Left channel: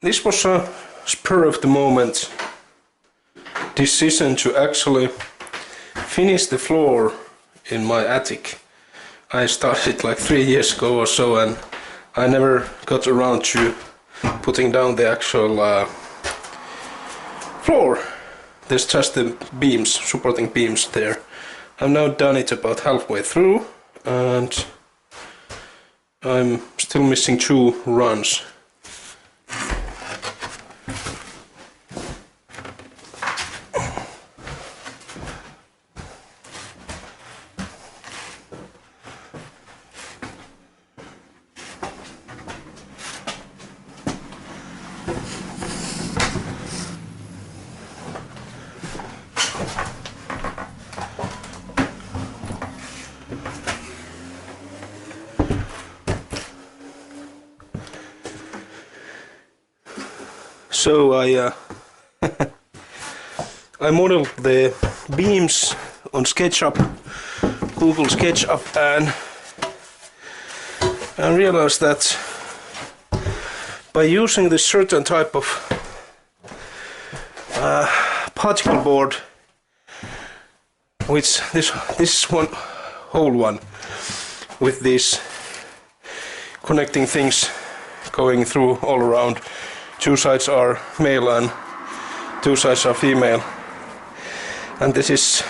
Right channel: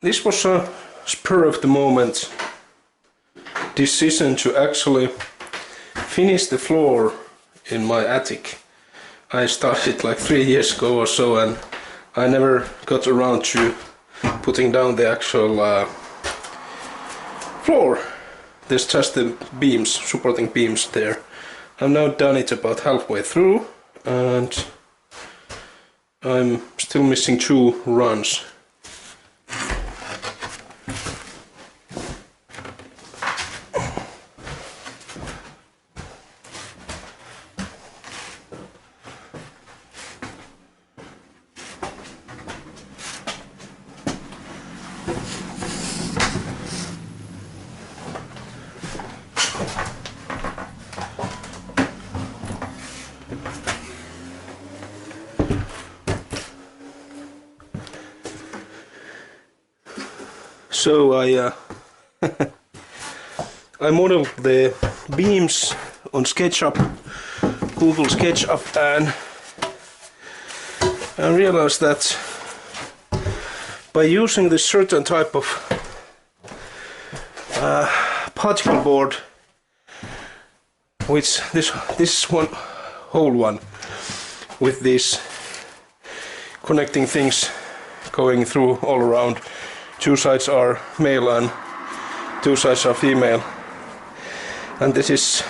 This was a spur of the moment decision to actually finish the floor in my attic. I started like 3 years ago or so, and I never got around to putting down the actual floor. There's just the beams, supporting beams there. I've now done it about halfway through, and I'm still missing 2 runs. So I modeled the beams on SketchUp, Google SketchUp, and I realized that by using this certain type of particle board, which this is one whole one with these connecting things going through all around. 2 sides are male and 2 sides are female, and this is,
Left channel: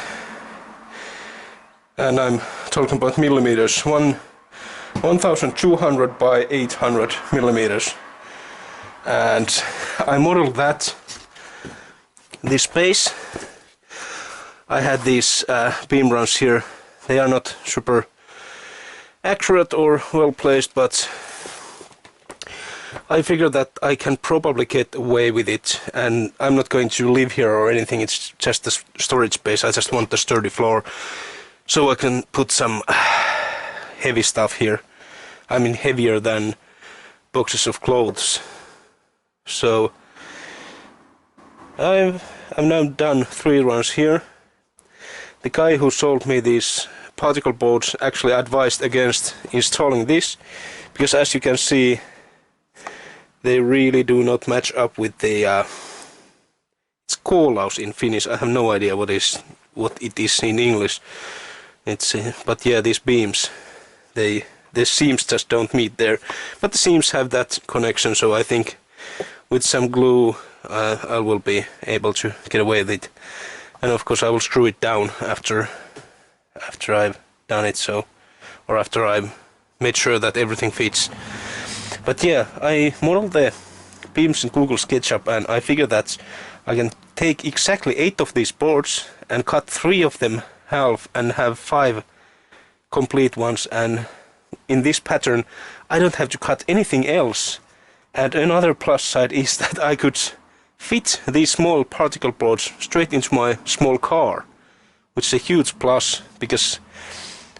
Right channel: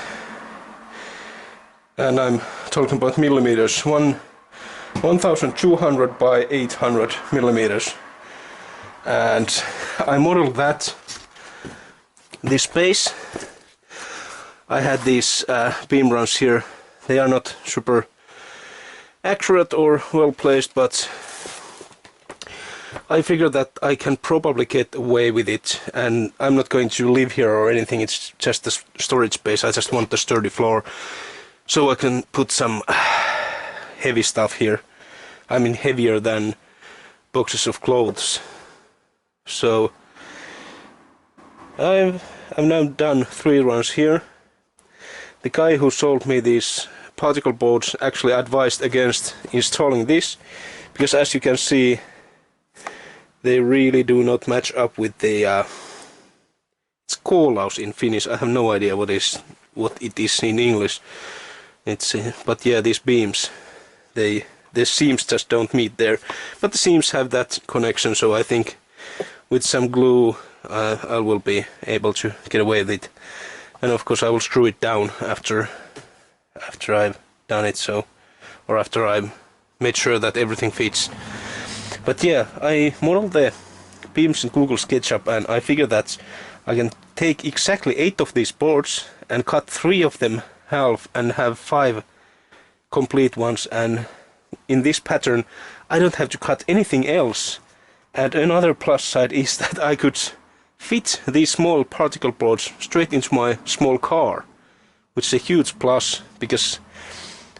and I'm talking about millimeters, 1200 by 800 millimeters, and I modeled that this space. I had these beam runs here. They are not super accurate or well placed, but I figured that I can probably get away with it, and I'm not going to live here or anything. It's just a storage space. I just want a sturdy floor so I can put some heavy stuff here. I mean heavier than boxes of clothes. So I've now done 3 runs here. The guy who sold me these particle boards actually advised against installing this, because as you can see, they really do not match up with the it's koolaus in Finnish. I have no idea what it is in English. It's but yeah, these beams, the seams just don't meet there, but the seams have that connection, so I think with some glue I will be able to get away with it. And of course I will screw it down after I've done it, so, or after I've made sure that everything fits. But yeah, I modeled the beams in Google SketchUp, and I figured that I can take exactly 8 of these boards and cut 3 of them half and have 5 complete ones, and in this pattern I don't have to cut anything else. And another plus side is that I could fit these small particle boards straight into my small car, which is a huge plus, because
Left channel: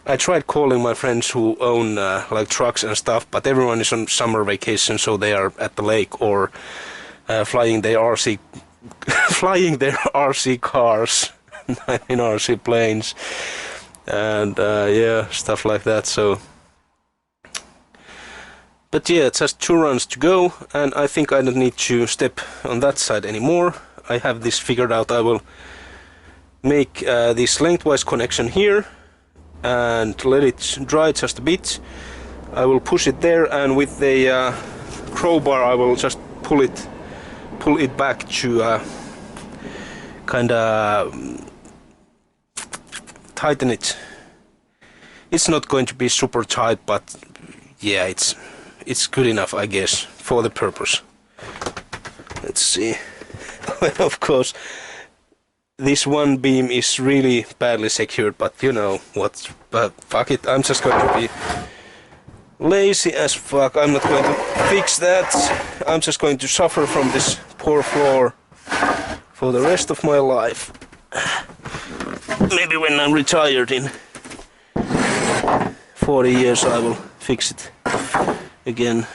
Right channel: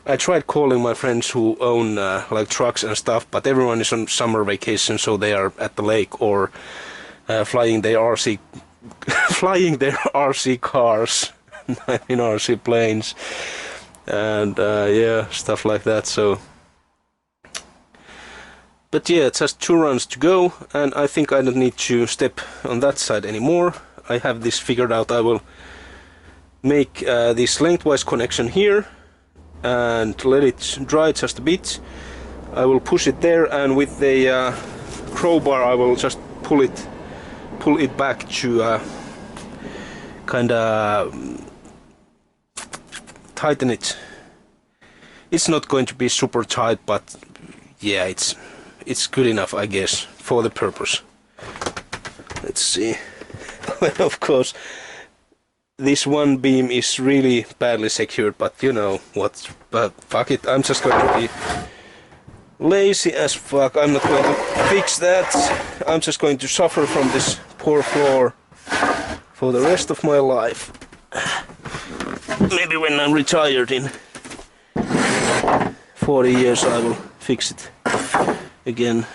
I tried calling my friends who own like trucks and stuff, but everyone is on summer vacation, so they are at the lake or flying their RC cars in RC planes, and yeah, stuff like that. So, but yeah, just 2 runs to go, and I think I don't need to step on that side anymore. I have this figured out. I will make this lengthwise connection here and let it dry just a bit. I will push it there, and with the crowbar I will just pull it back to kinda tighten it. It's not going to be super tight, but yeah, it's good enough, I guess, for the purpose. Let's see. Of course, this one beam is really badly secured, but you know what, fuck it, I'm just going to be lazy as fuck. I'm not going to fix that. I'm just going to suffer from this poor floor for the rest of my life. Maybe when I'm retired in 40 years I will fix it again.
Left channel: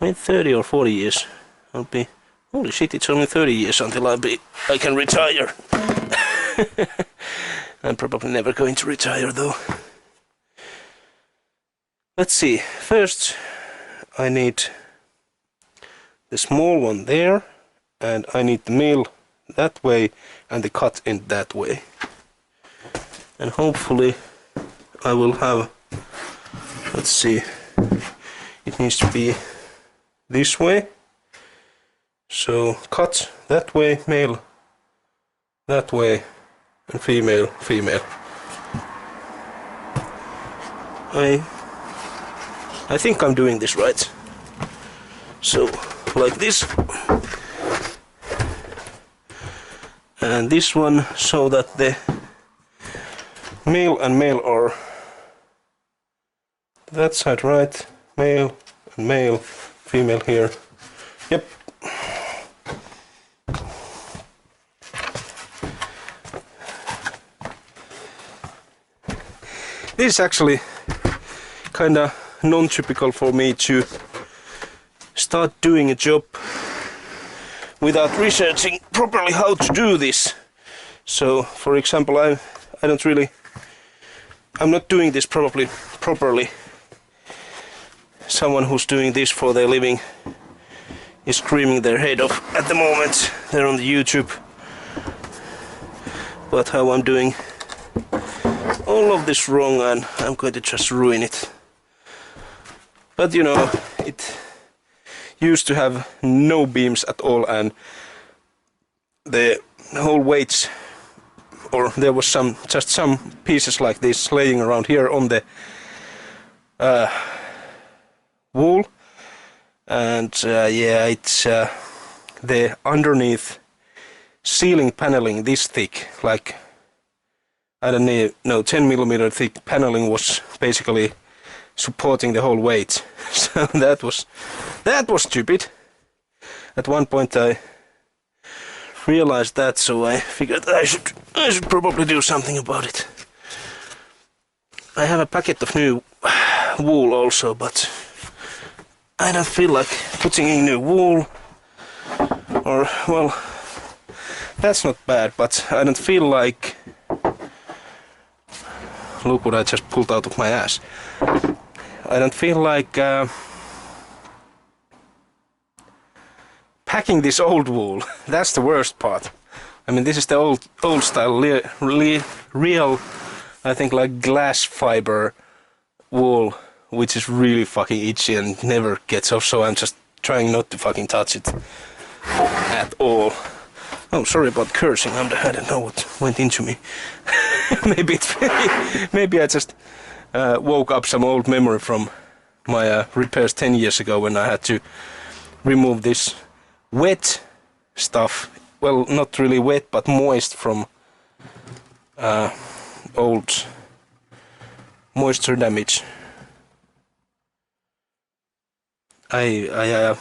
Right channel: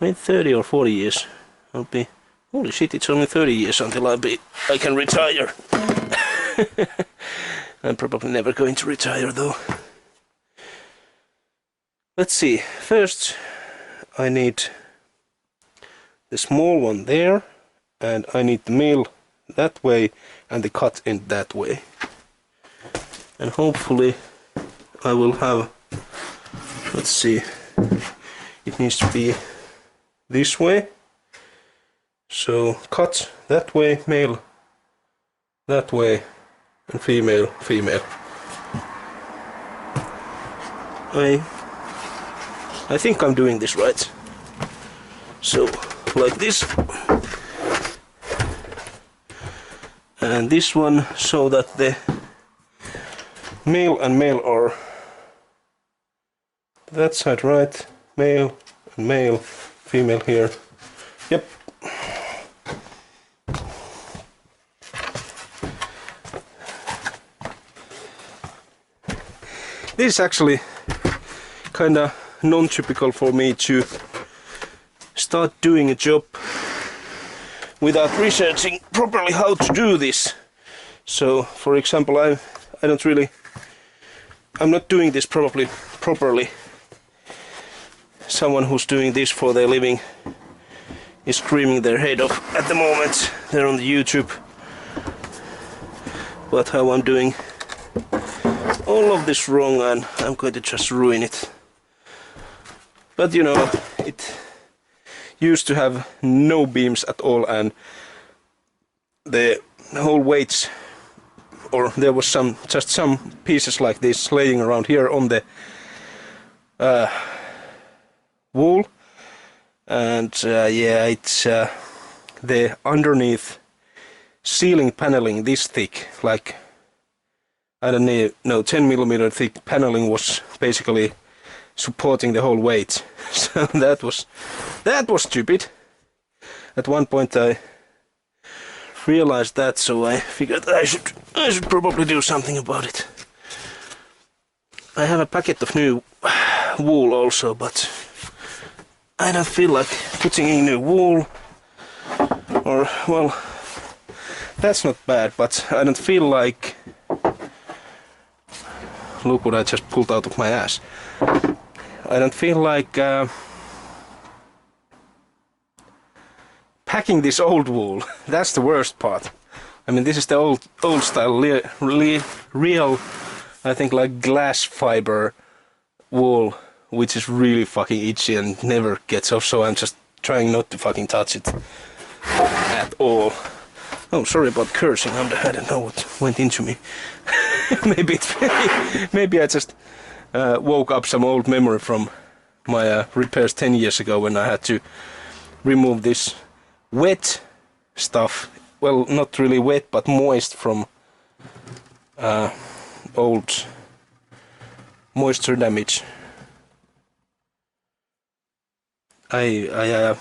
Wait, 30 or 40 years I'll be... Holy shit, it's only 30 years until I can retire. I'm probably never going to retire though. Let's see. First I need the small one there, and I need the mill that way and the cut in that way. And hopefully I will have, let's see, it needs to be this way. So cut that way, male that way, and female, female. I think I'm doing this right. So like this, and this one, so that the male and male are that side, right? Male and male, female here. Yep. This is actually kinda non-typical for me to start doing a job without researching properly how to do this. So, for example, I'm not doing this properly. Someone who's doing this for their living is screaming their head off at the moment. They're on the YouTube. But how I'm doing all of this wrong, and I'm going to just ruin it. But you know, it used to have no beams at all, and the whole weights, or there was just some pieces like this laying around here on the wall, and yeah, it's the underneath ceiling paneling this thick, like I don't know, 10mm thick paneling was basically supporting the whole weight. So that was stupid. At one point I realized that, so I figured I should probably do something about it. I have a packet of new wool also, but I don't feel like putting in new wool. Or, well, that's not bad, but I don't feel like... Look what I just pulled out of my ass. I don't feel like packing this old wool. That's the worst part. I mean, this is the old style, real, I think, like glass fiber wool, which is really fucking itchy and never gets off, so I'm just trying not to fucking touch it at all. Oh, sorry about cursing. I don't know what went into me. maybe I just woke up some old memory from my repairs 10 years ago when I had to remove this wet stuff. Well, not really wet, but moist from old moisture damage. I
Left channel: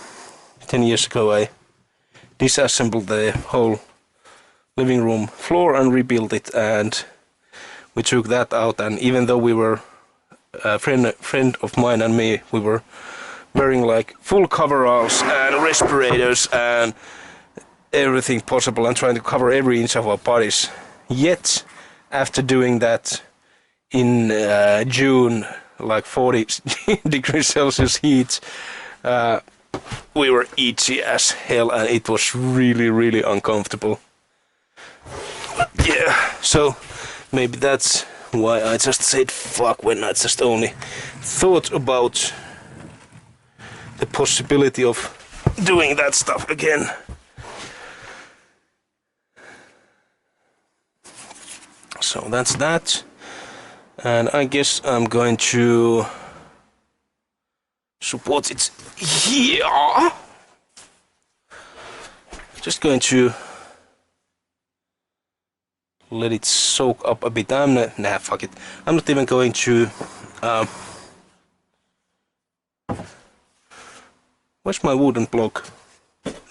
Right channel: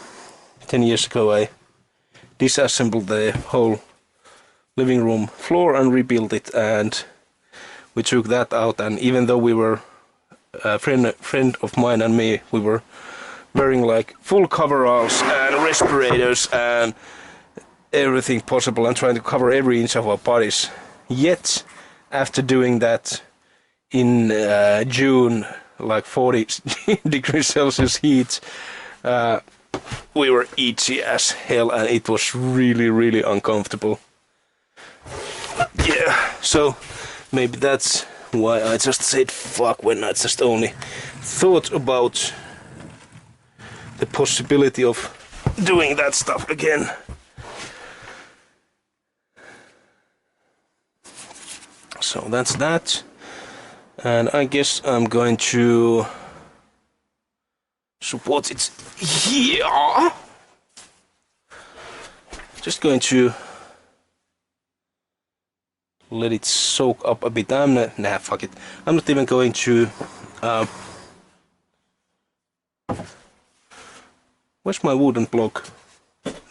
10 years ago I disassembled the whole living room floor and rebuilt it, and we took that out, and even though we were a friend of mine and me, we were wearing like full coveralls and respirators and everything possible and trying to cover every inch of our bodies. Yet after doing that in June, like 40 degrees Celsius heat, we were itchy as hell, and it was really uncomfortable. Yeah, so maybe that's why I just said fuck when I just only thought about the possibility of doing that stuff again. So that's that, and I guess I'm going to support it here. Just going to let it soak up a bit. Nah, fuck it. I'm not even going to where's my wooden block?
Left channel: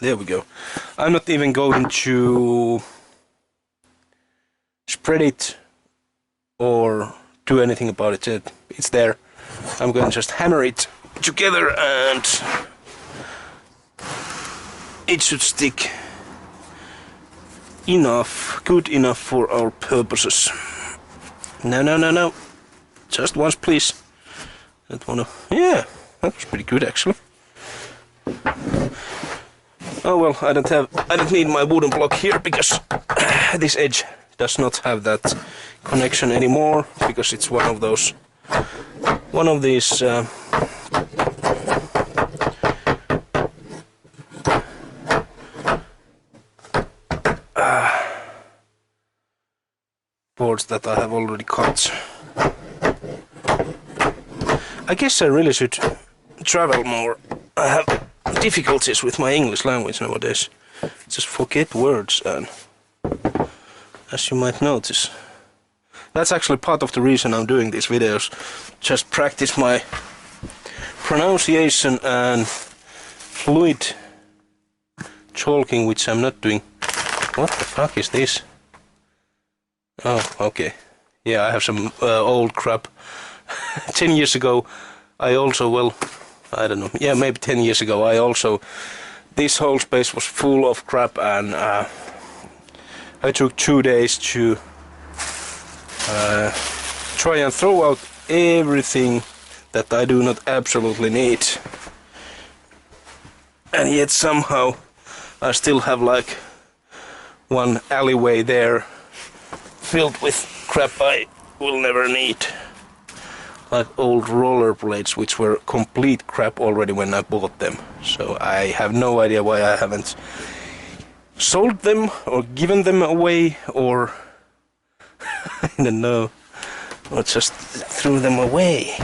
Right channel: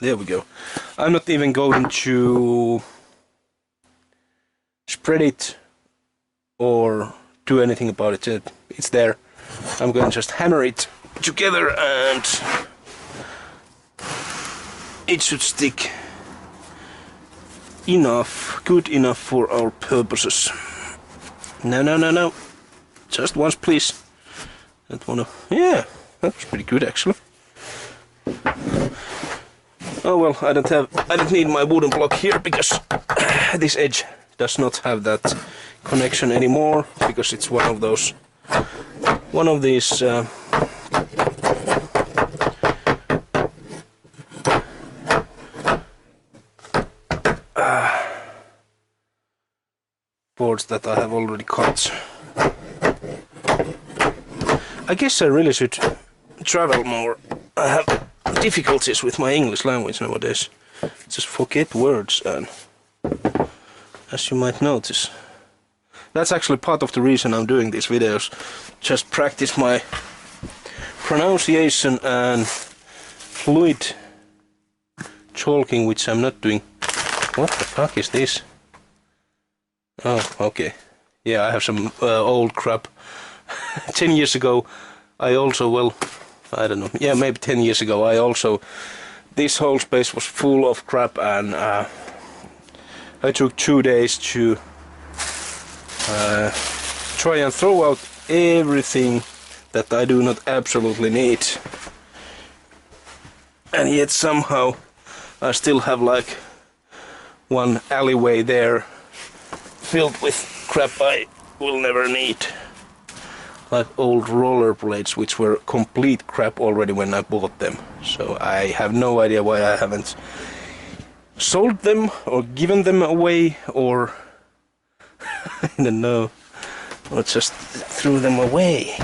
There we go. I'm not even going to spread it or do anything about it. It's there. I'm going to just hammer it together and it should stick enough, good enough for our purposes. No. Just once, please. Don't wanna. Yeah, that was pretty good actually. Oh well, I don't need my wooden block here because this edge does not have that connection anymore, because it's one of these boards that I have already cut. I guess I really should travel more. I have difficulties with my English language nowadays. Just forget words, and as you might notice, that's actually part of the reason I'm doing these videos. Just practice my pronunciation and fluid talking, which I'm not doing. What the fuck is this? Oh, okay. Yeah, I have some old crap. 10 years ago, I also, well, I don't know, yeah, maybe 10 years ago, this whole space was full of crap, and I took 2 days to try and throw out everything that I do not absolutely need. And yet somehow I still have like one alleyway there filled with crap I will never need. Like old rollerblades, which were complete crap already when I bought them. So I have no idea why I haven't sold them or given them away, or I don't know, or just threw them away.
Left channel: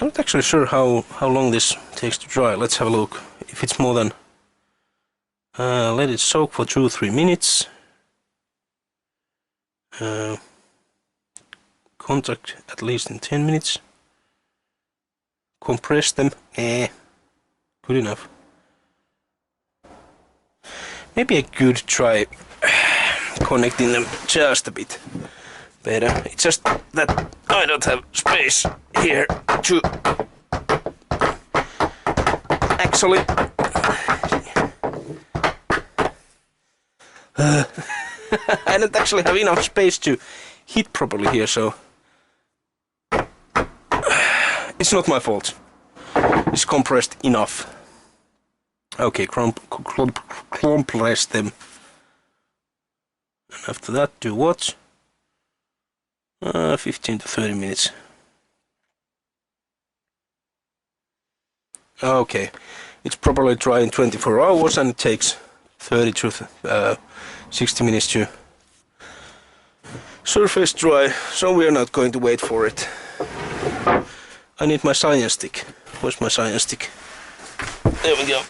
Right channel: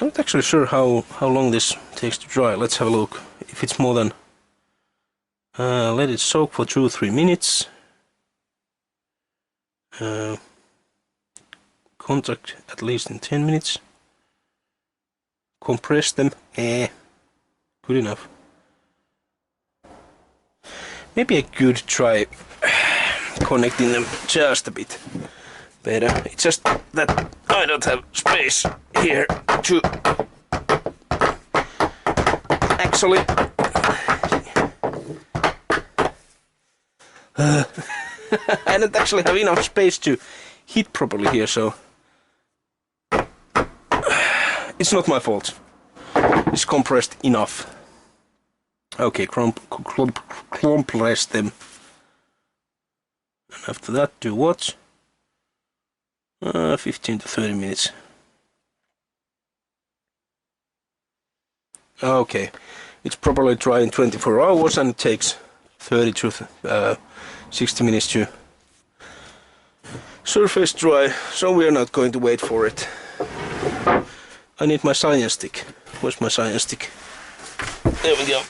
I'm not actually sure how long this takes to dry. Let's have a look. If it's more than let it soak for 2-3 minutes. Contact at least in 10 minutes. Compress them. Good enough. Maybe I could try connecting them just a bit better. It's just that I don't have space here to actually I don't actually have enough space to hit properly here, so it's not my fault. It's compressed enough. Okay, compress them. And after that, do what? 15 to 30 minutes. Okay, it's probably dry in 24 hours, and it takes 30 to 60 minutes to surface dry, so we are not going to wait for it. I need my science stick. Where's my science stick? There we go.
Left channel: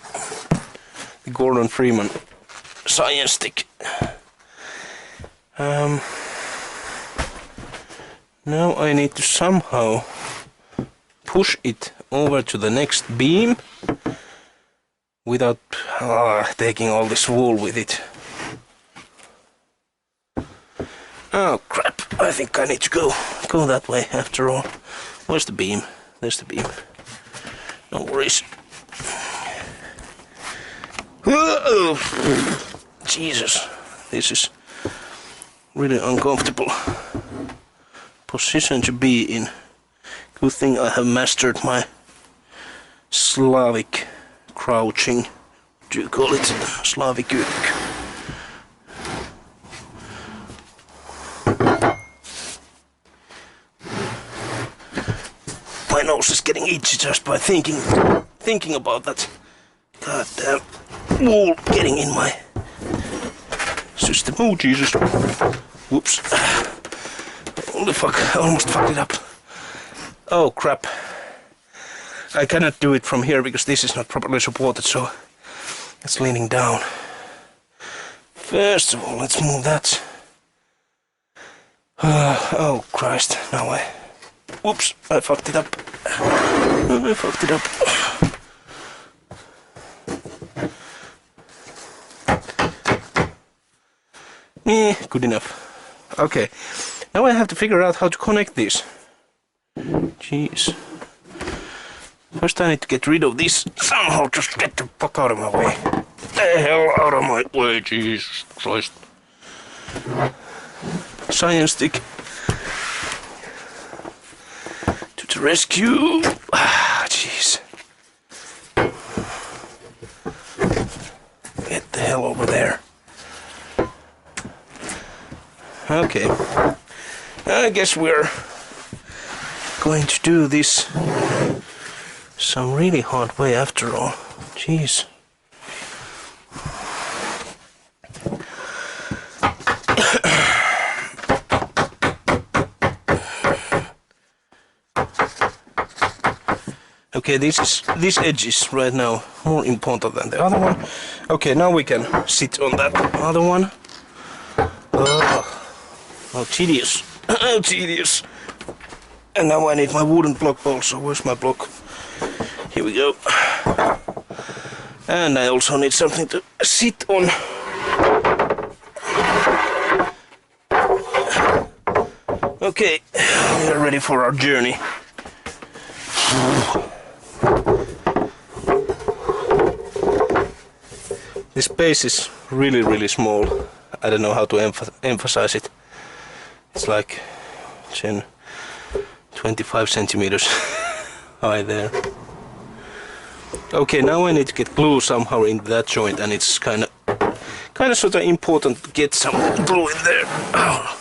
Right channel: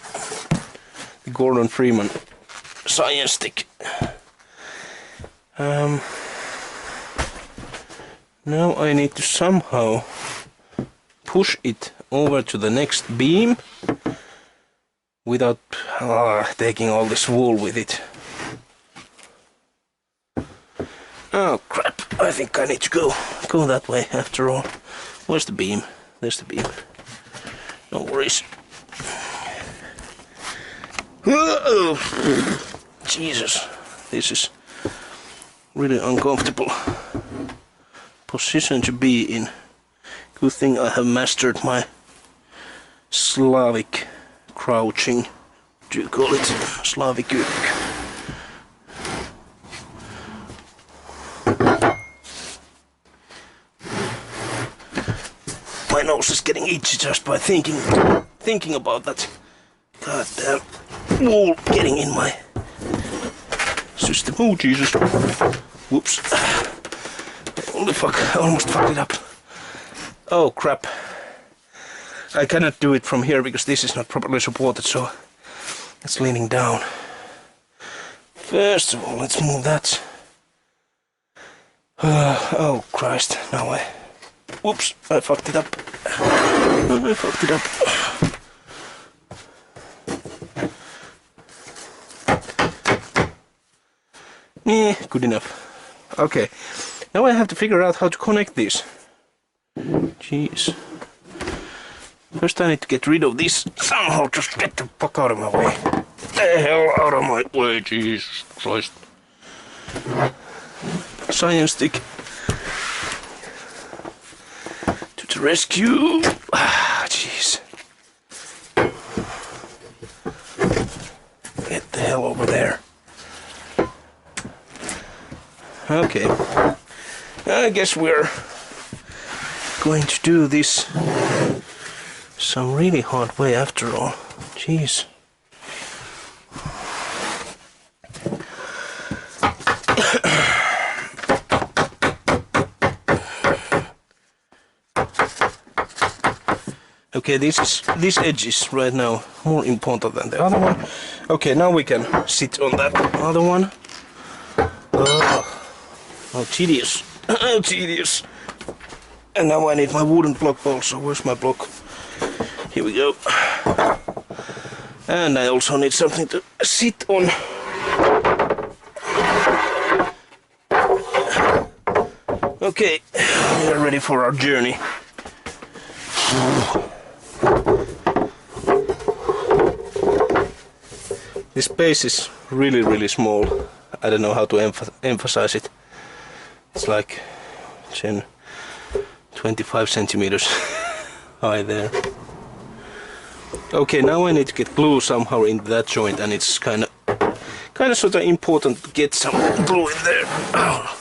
The Gordon Freeman science stick. Now I need to somehow push it over to the next beam without taking all this wool with it. Oh crap, I think I need to go that way after all. Where's the beam? There's the beam. No worries. Jesus, this is really uncomfortable position to be in. Good thing I have mastered my Slavic crouching. Do you call it Slavic? My nose is getting itchy just by thinking about that goddamn wool getting in my system. Oh Jesus! Whoops! Holy fuck! I almost fucked it up. Oh crap! I cannot do it from here because this is not properly supported, so it's leaning down. First of all, let's move that. Oh Christ! Now whoops! I fucked it up. I fucked it up. Good enough. Okay, now I have to figure out how to connect these. Jeez. First I need to get rid of this somehow. Just get the fuck out of my way. The hell out of my way, Jesus Christ. Science stick. To the rescue. jeez. Get the hell over there. Okay. I guess we're going to do this some really hard way after all. Jeez. Okay, this edge is right now more important than the other one. Okay, now we can sit on that other one. Oh, tedious. Oh, tedious. And now I need my wooden block also. Where's my block? Here we go. And I also need something to sit on. Okay, we are ready for our journey. This space is really small. I don't know how to emphasize it. It's like 25 centimeters high there. Okay, now I need to get glue somehow in that joint, and it's kind of sort of important to get some glue in there. Oh.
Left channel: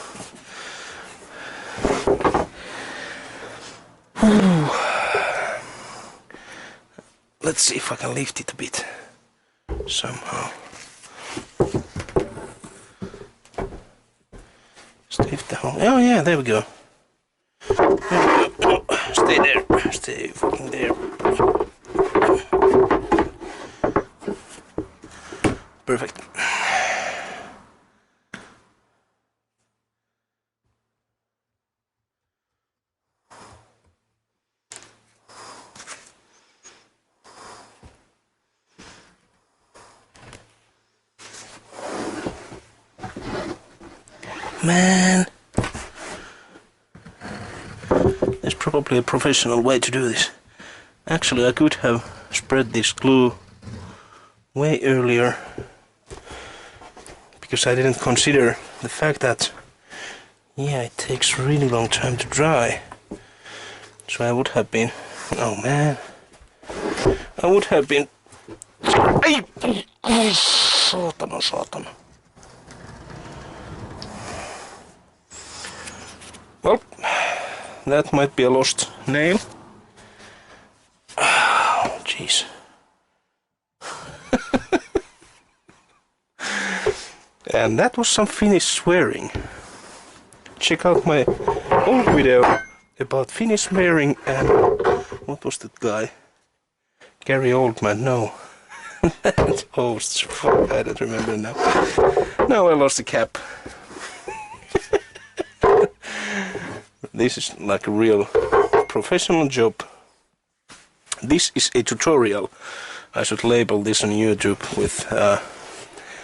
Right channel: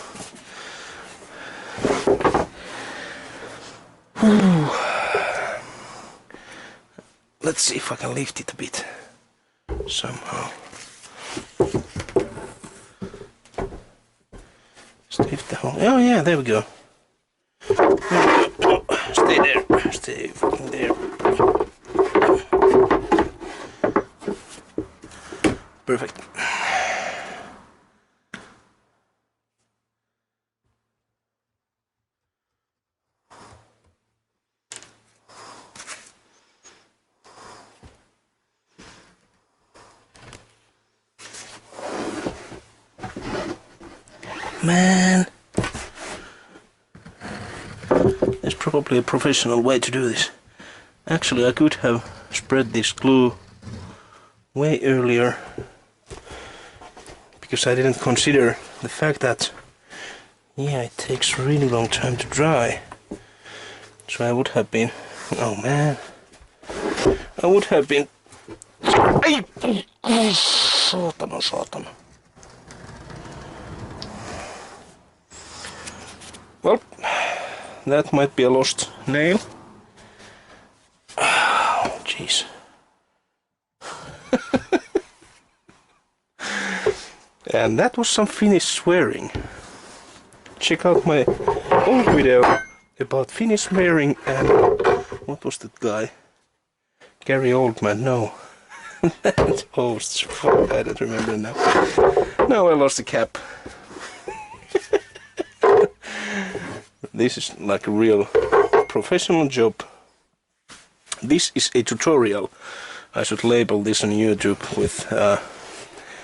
Let's see if I can lift it a bit somehow. Lift the whole. Oh yeah, there we go. There we go. Oh, stay there. Stay fucking there. Perfect. Man, there's probably a professional way to do this. Actually, I could have spread this glue way earlier, because I didn't consider the fact that, yeah, it takes a really long time to dry. So I would have been, oh man, I would have been, Saatana. Well, that might be a lost nail. Oh, jeez. And that was some Finnish swearing. Check out my old video about Finnish swearing and what was that guy? Gary Oldman, no. That host, fuck, I don't remember now. Now I lost the cap. This is like a real professional job. This is a tutorial. I should label this on YouTube with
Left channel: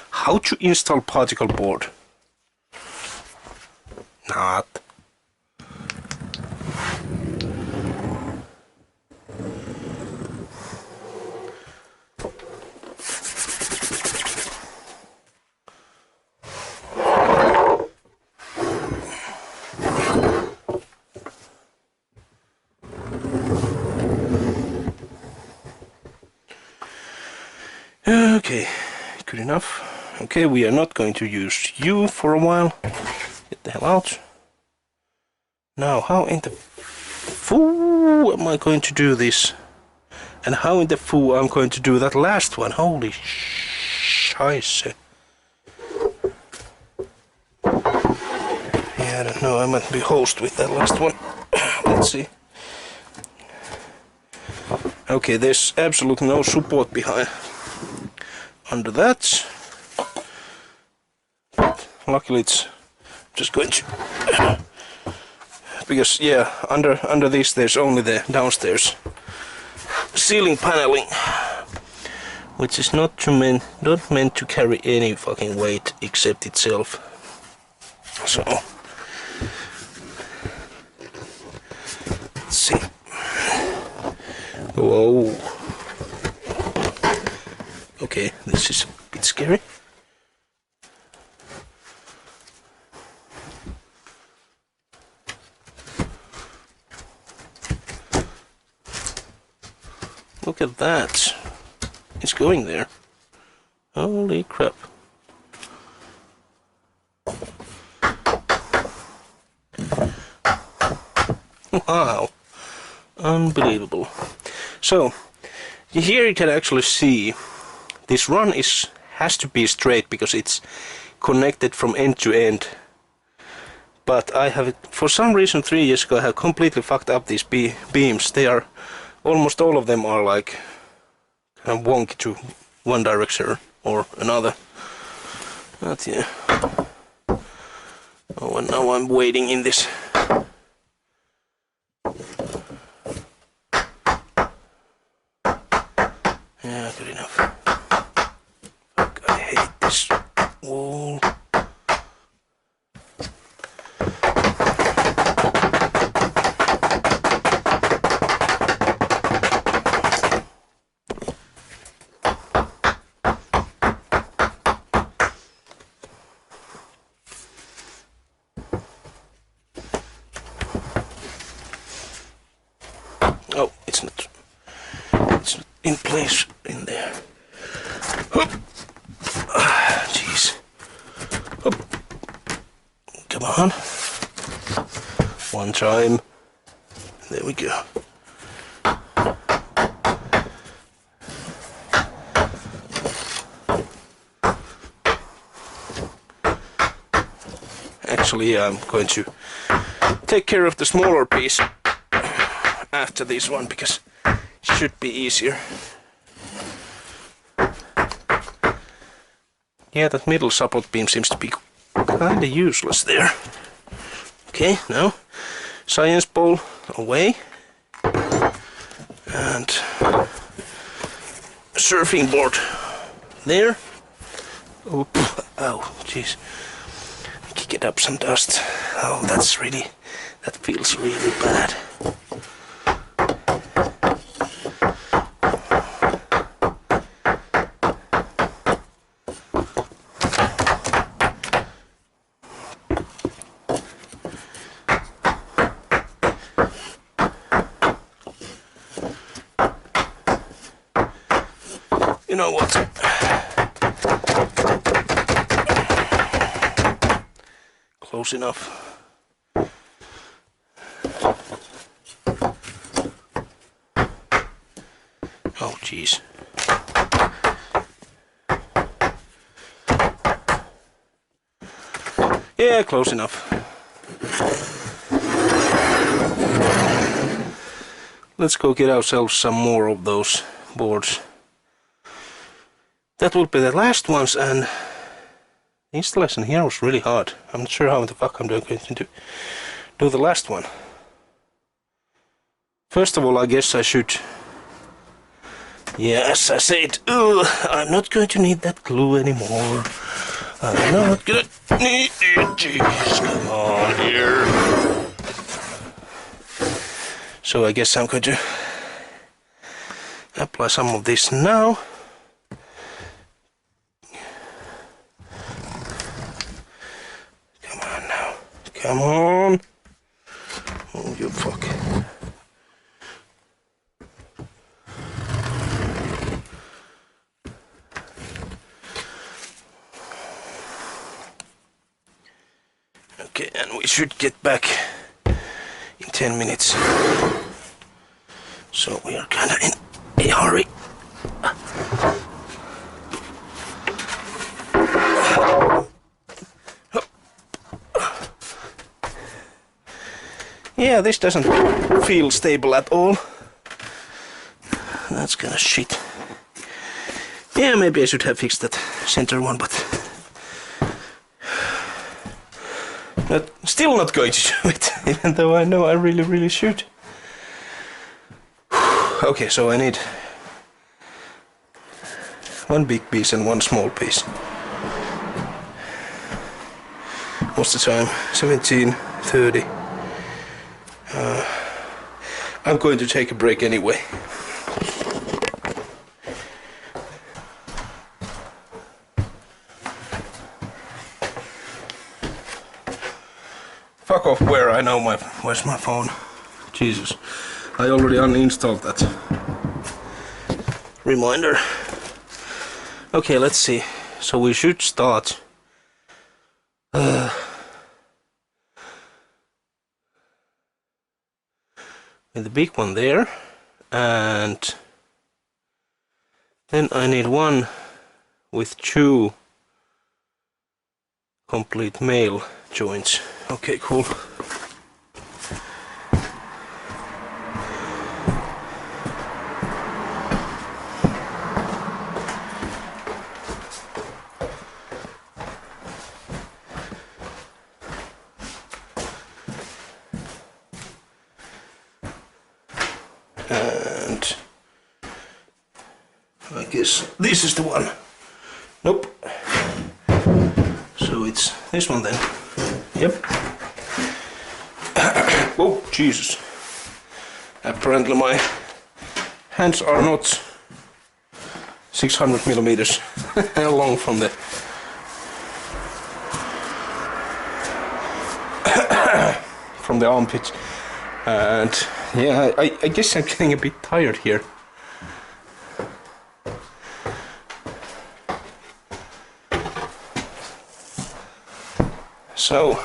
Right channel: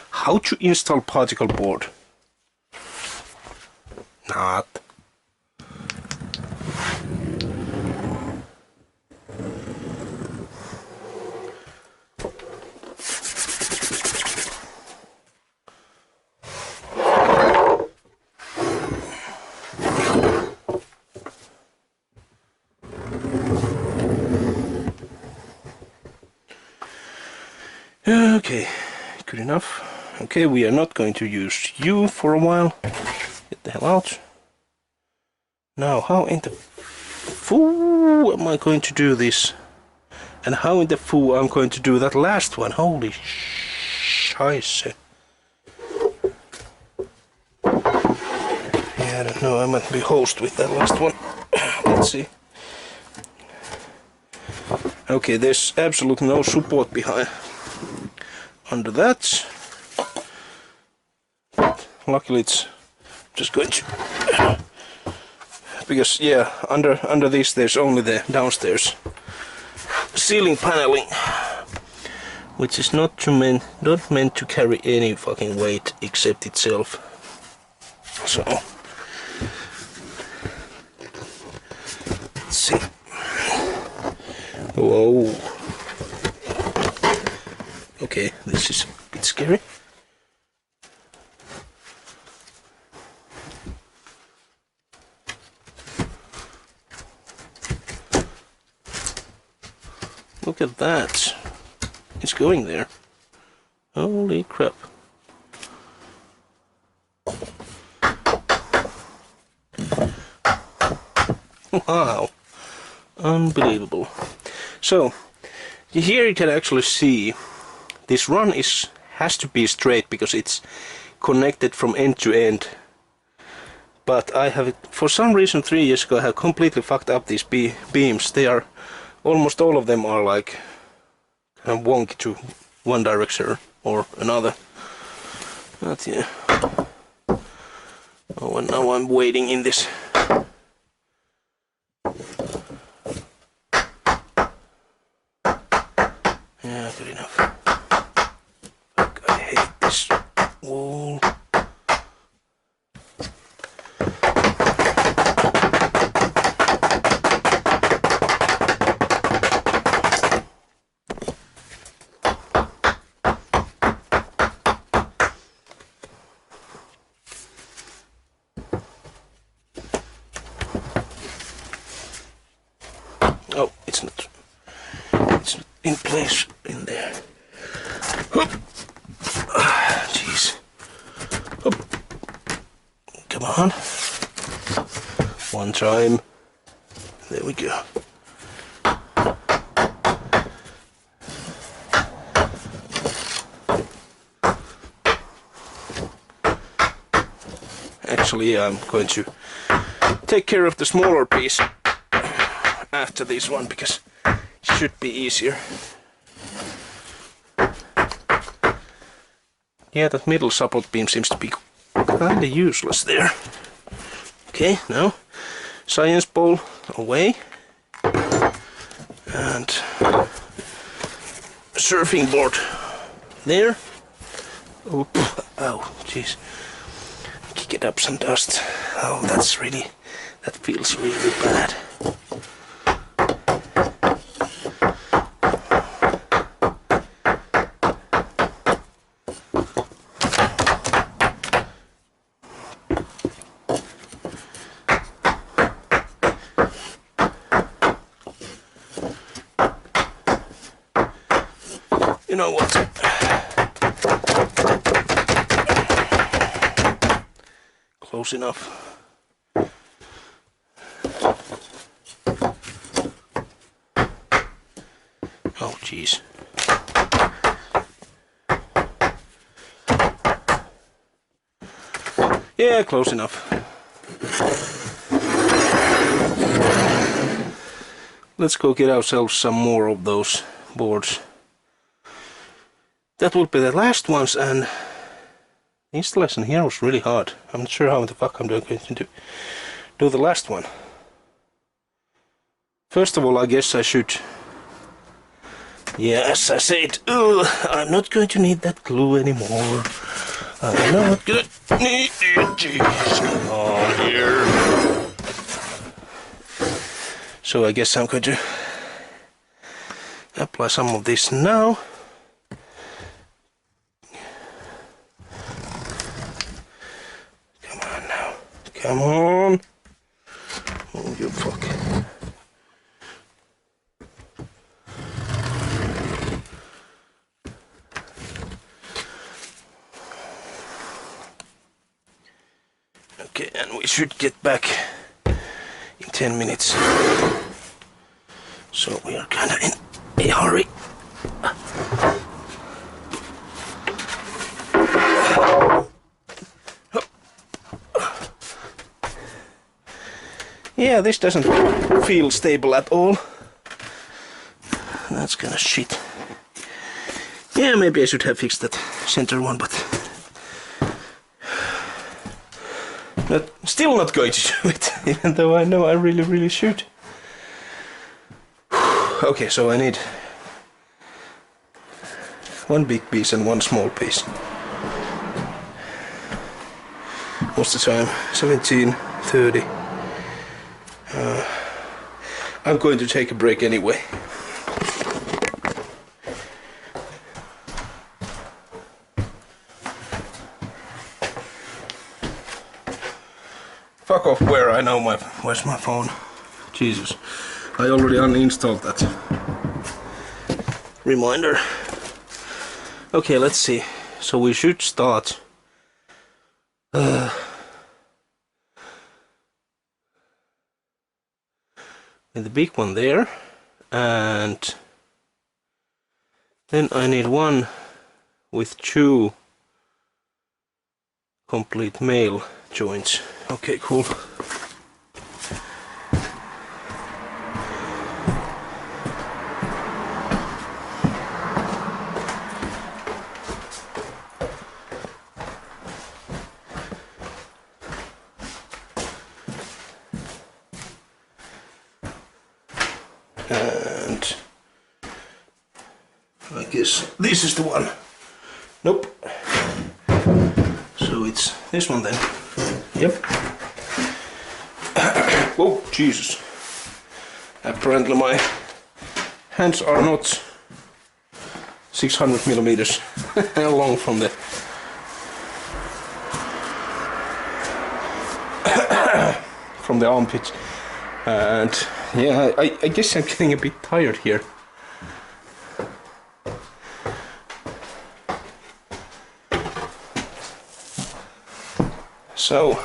how to install particle board. Not. Okay, good enough. Okay, we are not going to use you for a while. Get the hell out. Now, how in the foo am I going to do this? And how in the foo I'm going to do that last one? Holy scheisse. Yeah, I don't know, I might be host with that last one. Let's see. Okay, there's absolutely no support behind under that. But luckily it's just going to, because yeah, under this there's only the downstairs ceiling paneling, which is not meant to carry any fucking weight except itself. So let's see. Whoa. Okay, this is a bit scary. Look at that. It's going there. Holy crap. Wow. Unbelievable. So, here you can actually see this run has to be straight because it's connected from end to end. But I have, for some reason 3 years ago, I have completely fucked up these beams. They are, almost all of them are like kind of wonky to one direction or another. But yeah. Oh, and now I'm waiting in this. Yeah, good enough. Fuck, I hate this wall. Oh, it's not in place in there. Jeez. Come on. One time. There we go. Actually, I'm going to take care of the smaller piece after this one because it should be easier. Yeah, that middle support beam seems to be kinda useless there. Okay, now science ball away and surfing board there. Oh, ow, jeez. Kick it up some dust. Oh, that feels really bad. You know what? Close enough. Oh, jeez. Yeah, close enough. Let's go get ourselves some more of those boards. That will be the last ones, and the installation here was really hard. I'm not sure how the fuck I'm going to do the last one. First of all, I guess I should... Yeah, as I said, I'm not going to need that glue anymore. I'm not gonna need it. Jeez, come on here. So I guess I'm going to apply some of this now. Come on! Oh, you fuck. Okay, and we should get back in 10 minutes. So we are kinda in a hurry. Yeah, this doesn't feel stable at all. That's kinda shit. Yeah, maybe I should have fixed that center one, but... still not going to do it, even though I know I really should. Okay, so I need one big piece and one small piece. What's the time? 17:30. I'm going to take a break anyway. Fuck off where I know where's my phone. Jesus. I already uninstalled that. reminder. Okay, let's see. So we should start with the big one there, and then I need one with 2 complete male joints. Okay, cool. And I guess this is the one. Nope. So it's this one then. Yep. Oh, Jesus. Apparently my hands are not 600 millimeters long from the armpit. And yeah, I guess I'm getting a bit tired here. So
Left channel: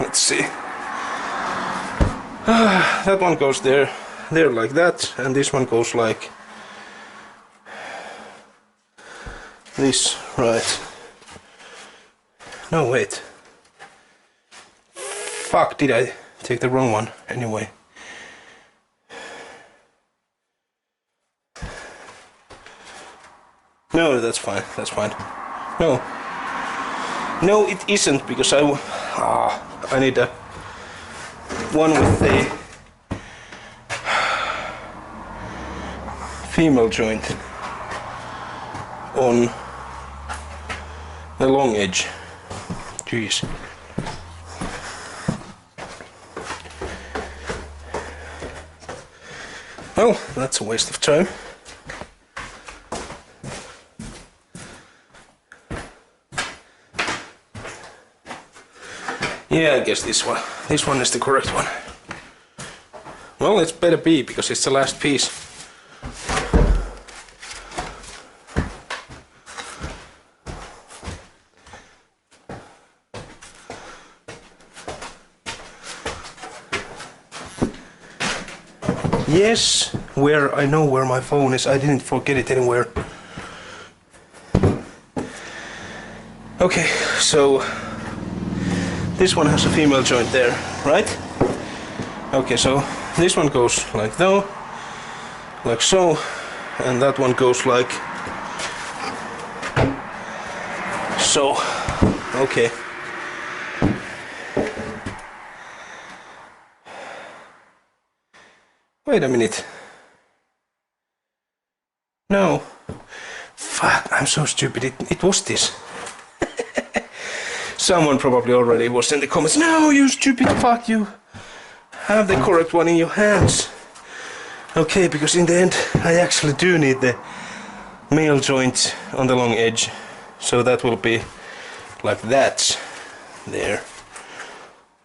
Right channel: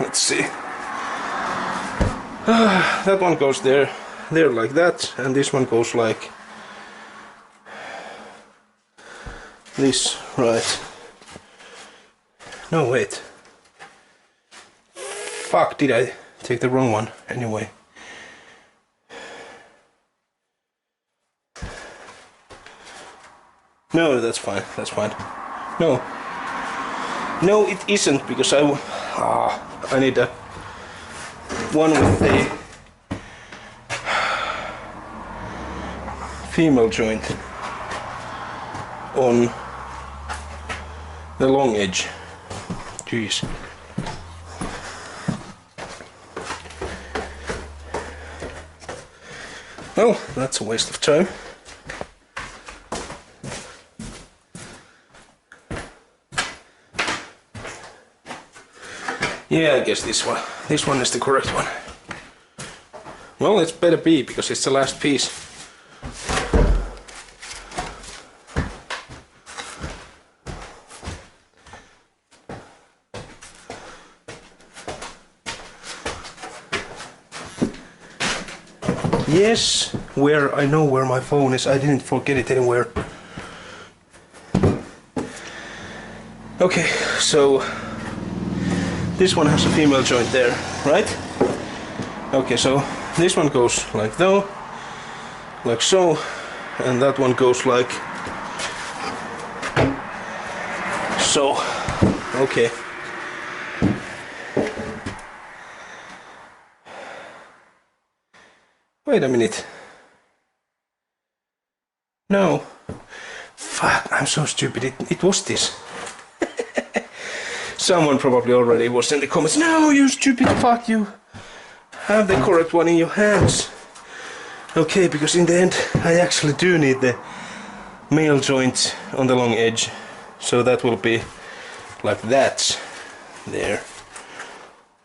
let's see. That one goes there like that, and this one goes like this, right? No, wait. Fuck, did I take the wrong one? Anyway. No, that's fine, that's fine. No. No, it isn't, because I need a one with a female joint on the long edge. Jeez. Well, that's a waste of time. Yeah, I guess this one is the correct one. Well, it's better be, because it's the last piece. Yes, I know where my phone is. I didn't forget it anywhere. Okay, so this one has a female joint there, right? Okay, so this one goes like so, and that one goes like so. Okay. Wait a minute. No. Fuck, I'm so stupid. It was this. Someone probably already was in the comments. No, you stupid fuck, you have the correct one in your hands. Okay, because in the end I actually do need the male joint on the long edge. So that will be like that. There.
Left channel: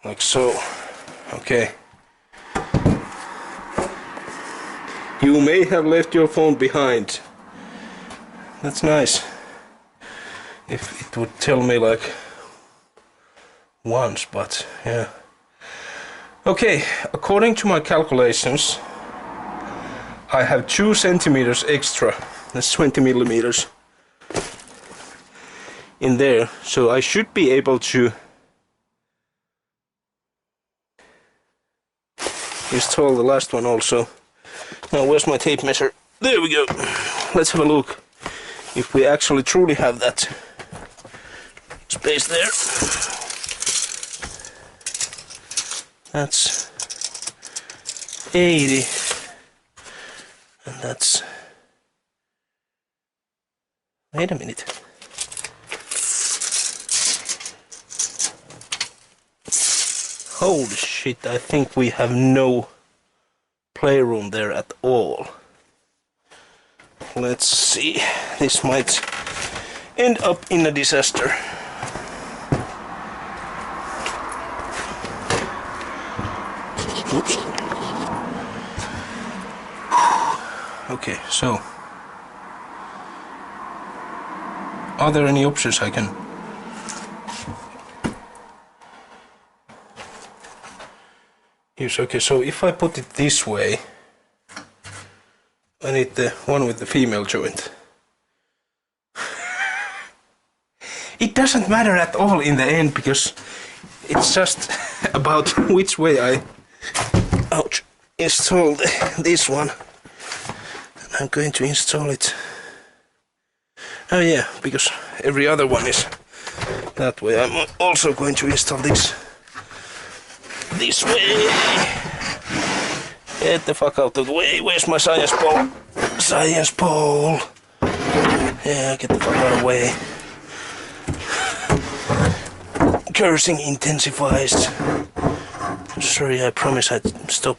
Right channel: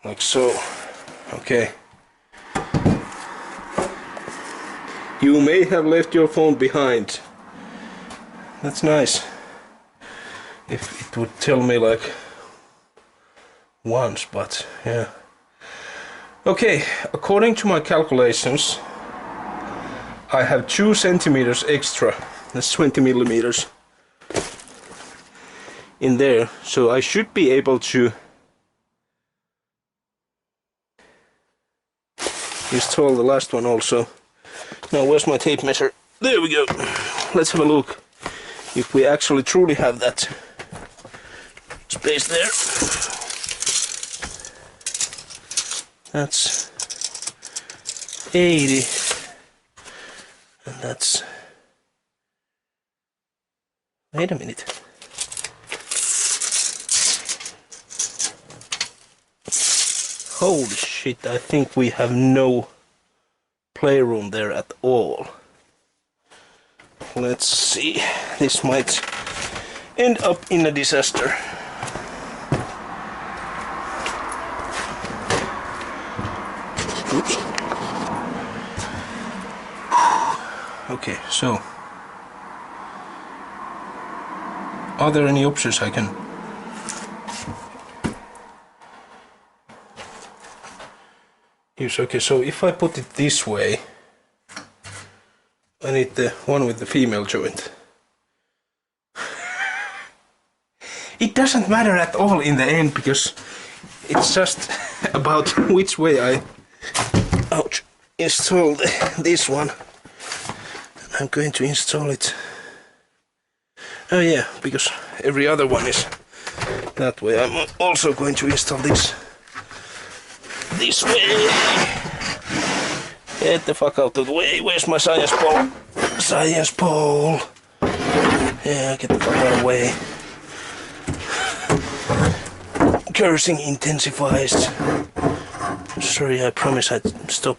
Like so. Okay. You may have left your phone behind. That's nice. If it would tell me like once, but yeah. Okay, according to my calculations, I have 2 centimeters extra. That's 20 millimeters in there, so I should be able to install the last one also. Now, where's my tape measure? There we go. Let's have a look if we actually truly have that space there. That's 80, and that's, wait a minute. Holy shit, I think we have no playroom there at all. Let's see, this might end up in a disaster. Oops. Okay, so are there any options I can use? Okay, so if I put it this way, I need the one with the female joint. It doesn't matter at all in the end, because it's just about which way I install this one. I'm going to install it. Oh yeah, because every other one is that way. I'm also going to install this way. Get the fuck out of the way. Where's my science pole? Science pole. Yeah, get the fuck out of the way. Cursing intensifies. Sorry, I promise I'd stop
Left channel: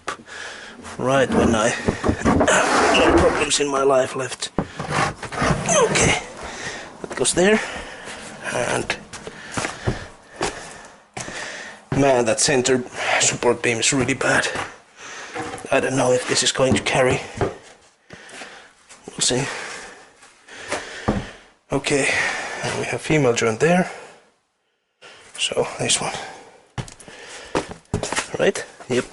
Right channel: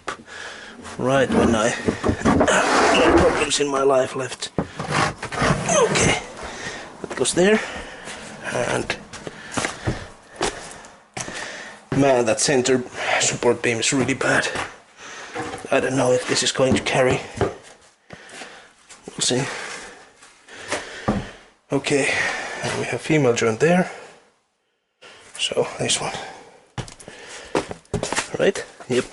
right when I have no problems in my life left. Okay, that goes there. And man, that center support beam is really bad. I don't know if this is going to carry. We'll see. Okay, and we have female joint there. So this one, right? Yep.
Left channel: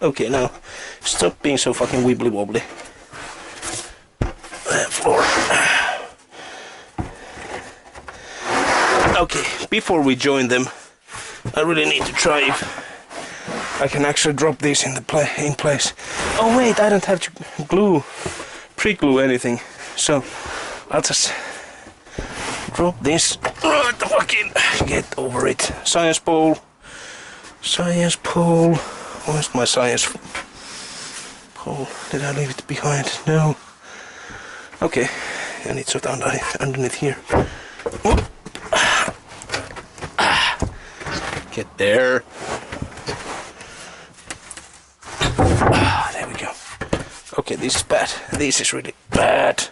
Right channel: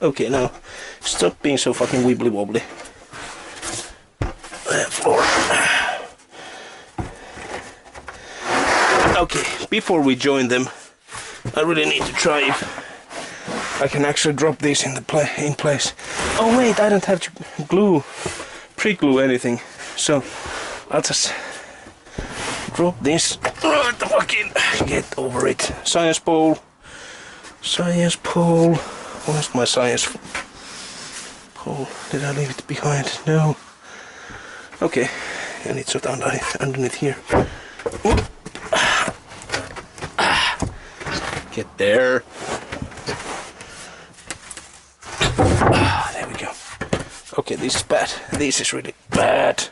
Okay, now stop being so fucking wibbly wobbly. Floor. Okay, before we join them, I really need to try if I can actually drop these in place. Oh wait, I don't have to pre-glue anything, so I'll just drop this right the fucking get over it. Science pole. Science pole. Where's my science pole? Did I leave it behind? No. Okay, and it's underneath here. Get there. There we go. Okay, this is bad. This is really bad.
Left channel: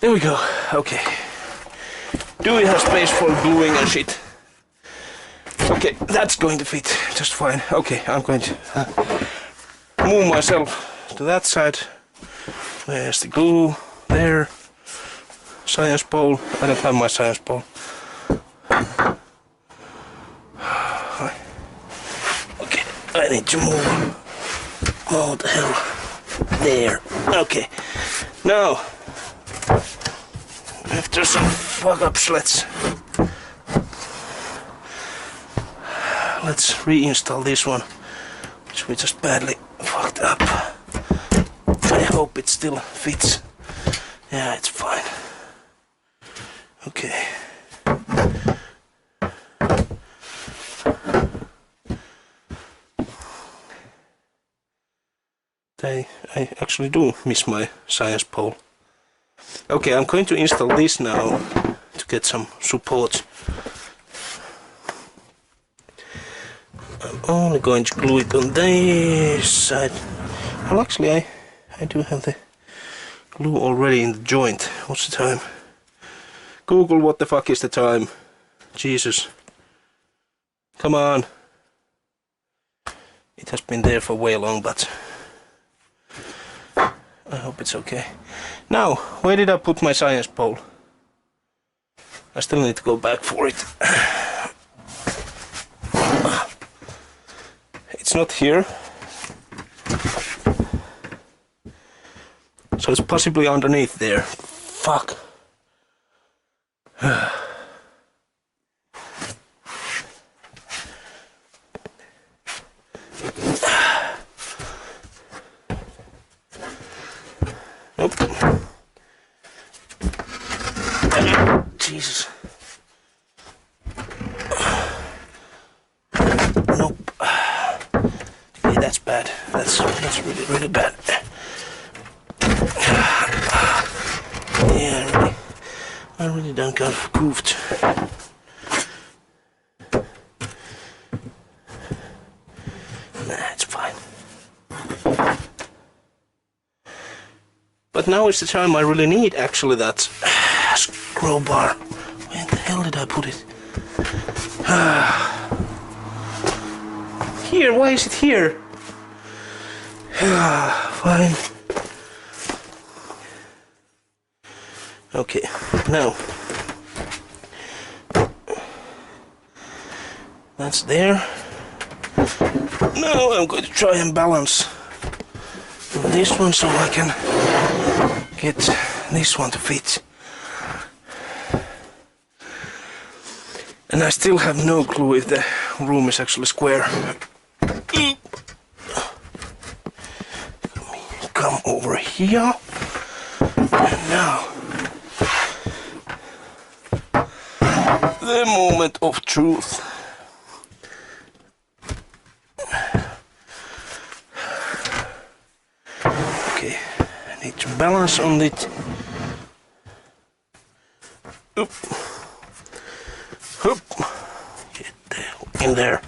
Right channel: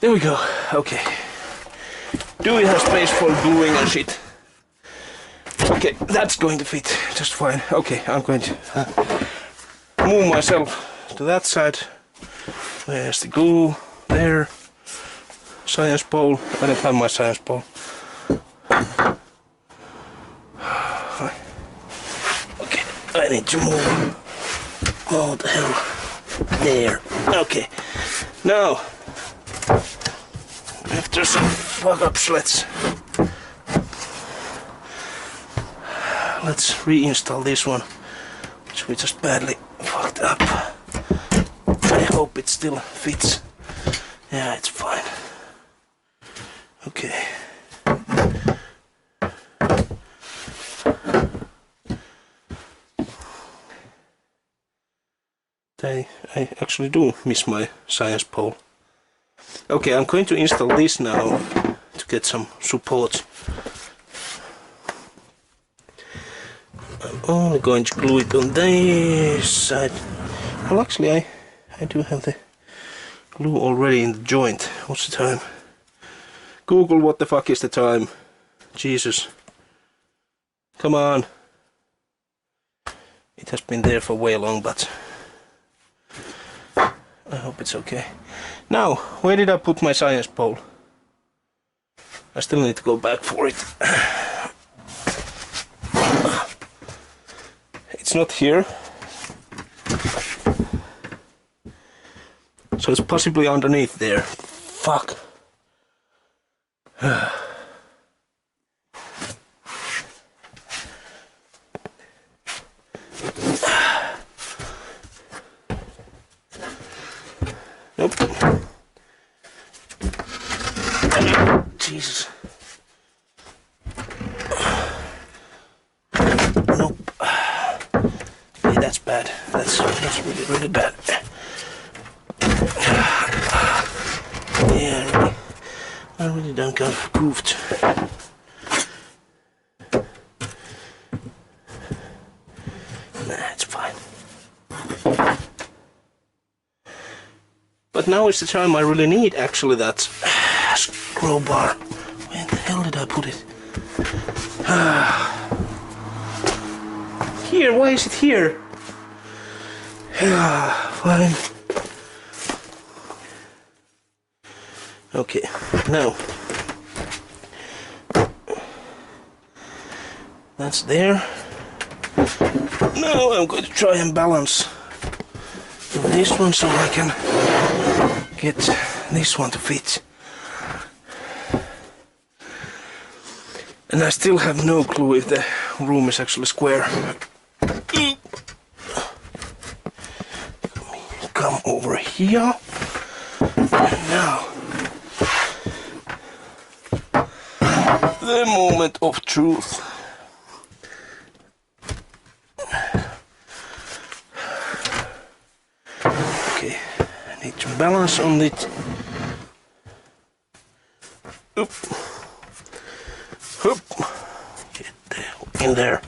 There we go. Okay. Do we have space for gluing and shit? Okay, that's going to fit just fine. Okay, I'm going to move myself to that side. There's the glue. There. Science pole. I don't have my science pole. Okay, I need to move. Oh, the hell. There. Okay. Now, after some fuck-ups, let's reinstall this one, which we just badly fucked up. I hope it still fits. Yeah, it's fine. Okay. I actually do miss my science pole. Okay, I'm going to install this now to get some support. I'm only going to glue it on this side. Well, actually, I do have the glue already in the joint. What's the time? Google, what the fuck is the time? Jesus. Come on. It has been there for way long, but I hope it's okay. Now, where did I put my science pole? I still need to go back for it. It's not here. So it's possibly underneath there. Fuck. Nope. Jesus. Nope. Okay, that's bad. That's really, really bad. Yeah, I really done kind of goofed. Nah, it's fine. But now is the time I really need actually that scroll bar. Where the hell did I put it? Here, why is it here? Fine. Okay, now that's there. Now I'm going to try and balance this one so I can get this one to fit. And I still have no clue if the room is actually square. Come over here. And now the moment of truth. Okay, I need to balance on it. Oop. Oop. Get the hell in there.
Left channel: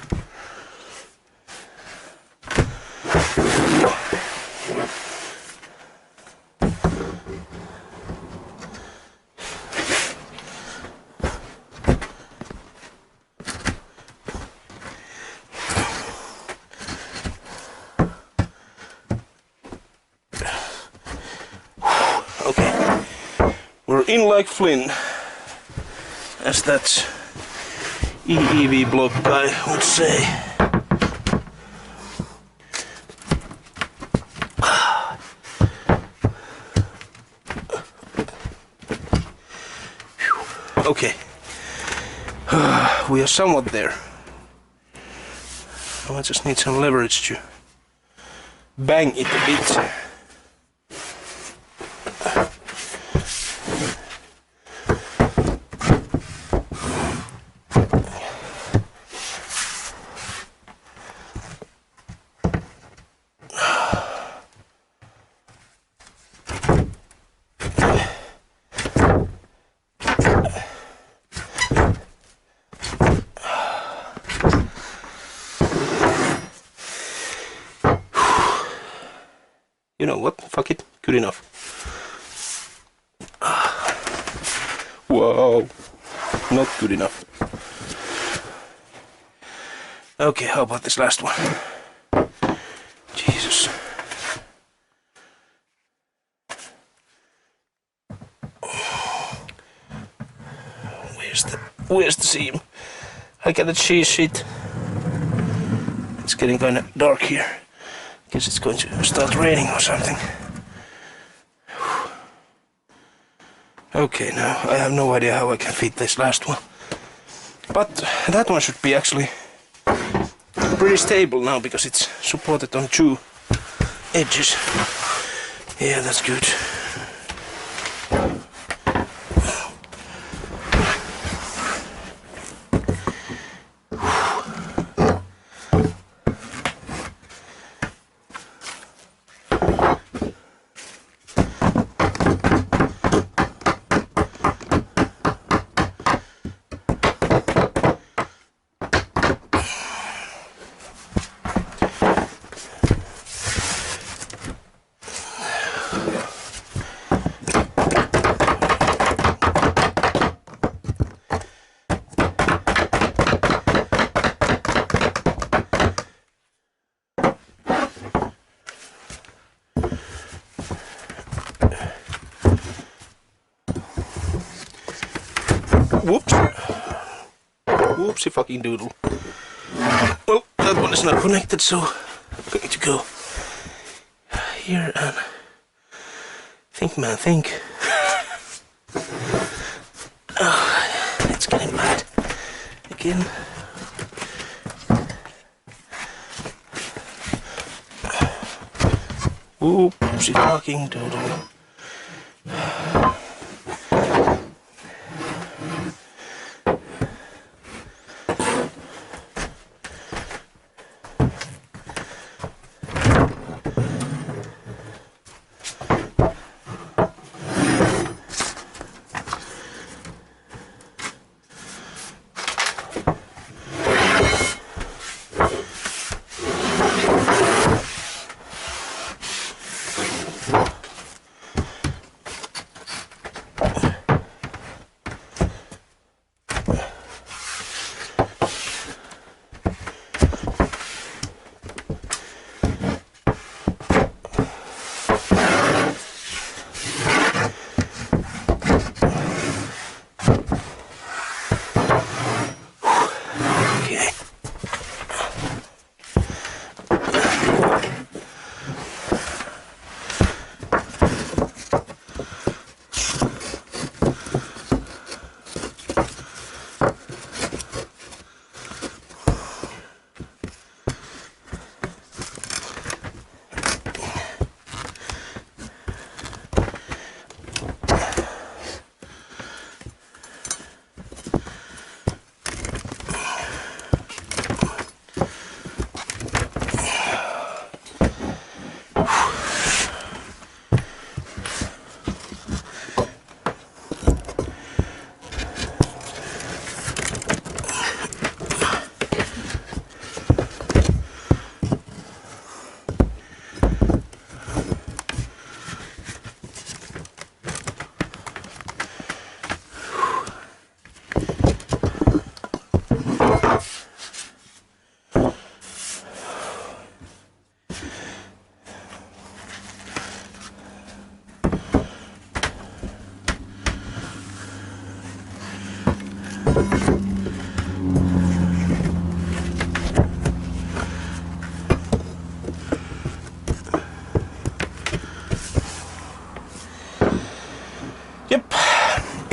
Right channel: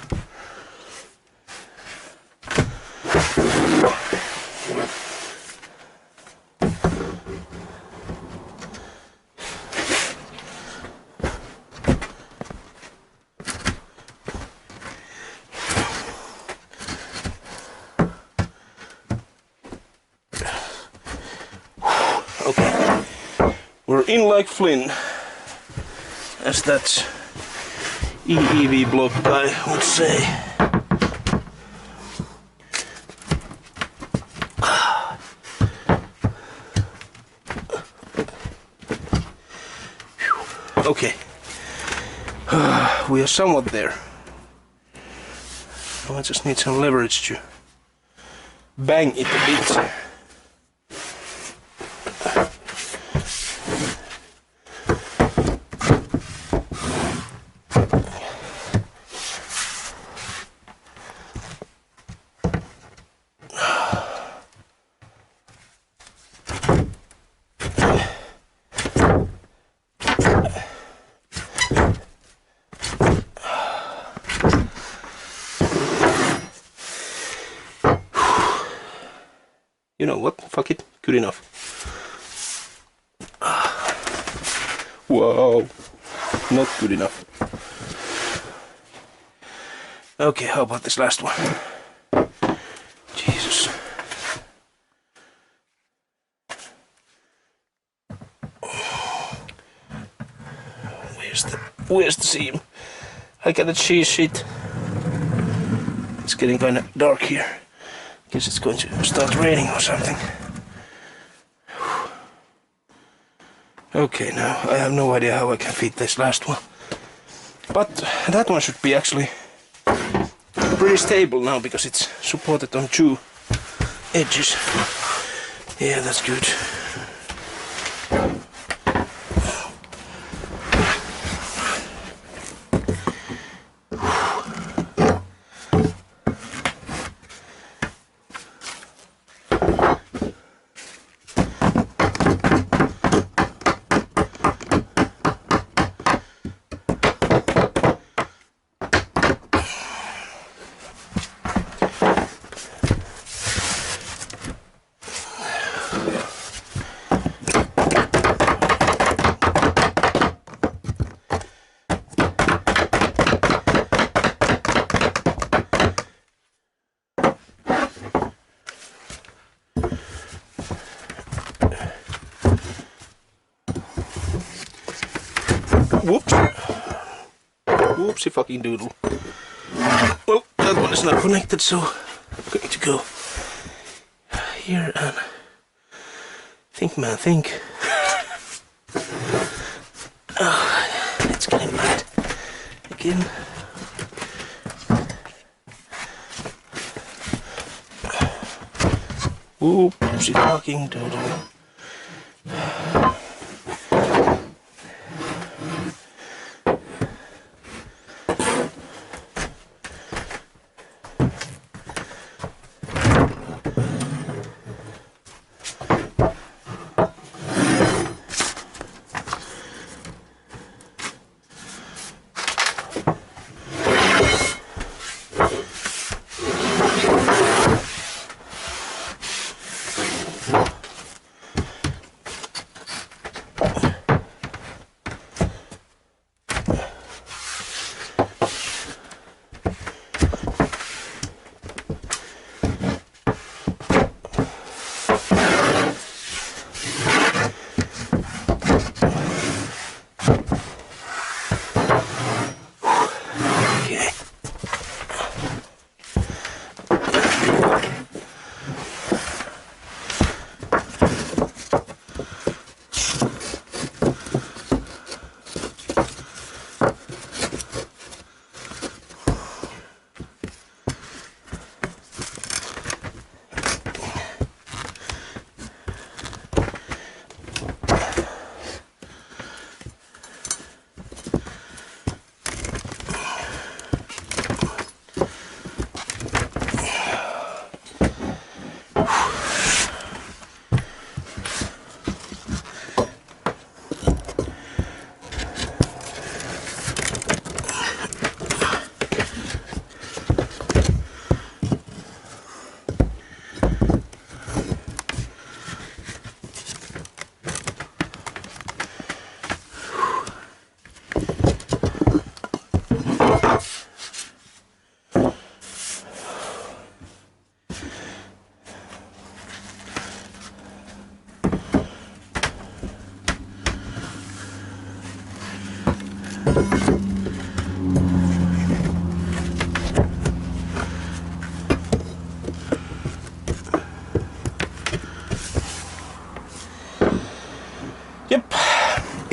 Okay, we're in like Flynn, as that EEV block guy would say. Okay, we are somewhat there. Now I just need some leverage to bang it a bit. You know what? Fuck it. Good enough. Whoa. Not good enough. Okay, how about this last one? Jesus. Where's the seam? I got a cheese sheet. It's getting kind of dark here. Guess it's going to start raining or something. Okay, now I have no idea how I can fit this last one. But that one should be actually pretty stable now because it's supported on two edges. Yeah, that's good. Whoops. Whoopsie fucking doodle. Well, that one is not connected, so I'm going to go here and think, man, think. Oh, it's getting bad again. Whoopsie fucking doodle.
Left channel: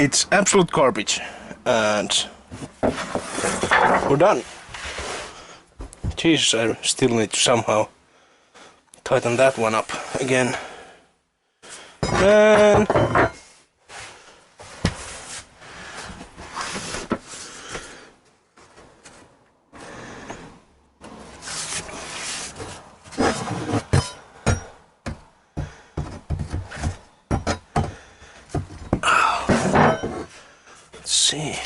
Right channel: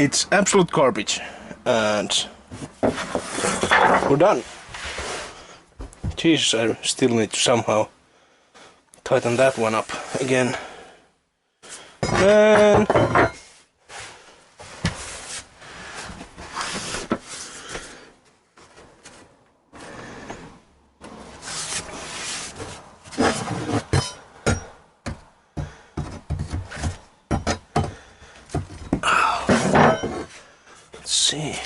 it's absolute garbage, and we're done. Jesus, I still need to somehow tighten that one up again. Man. Let's see.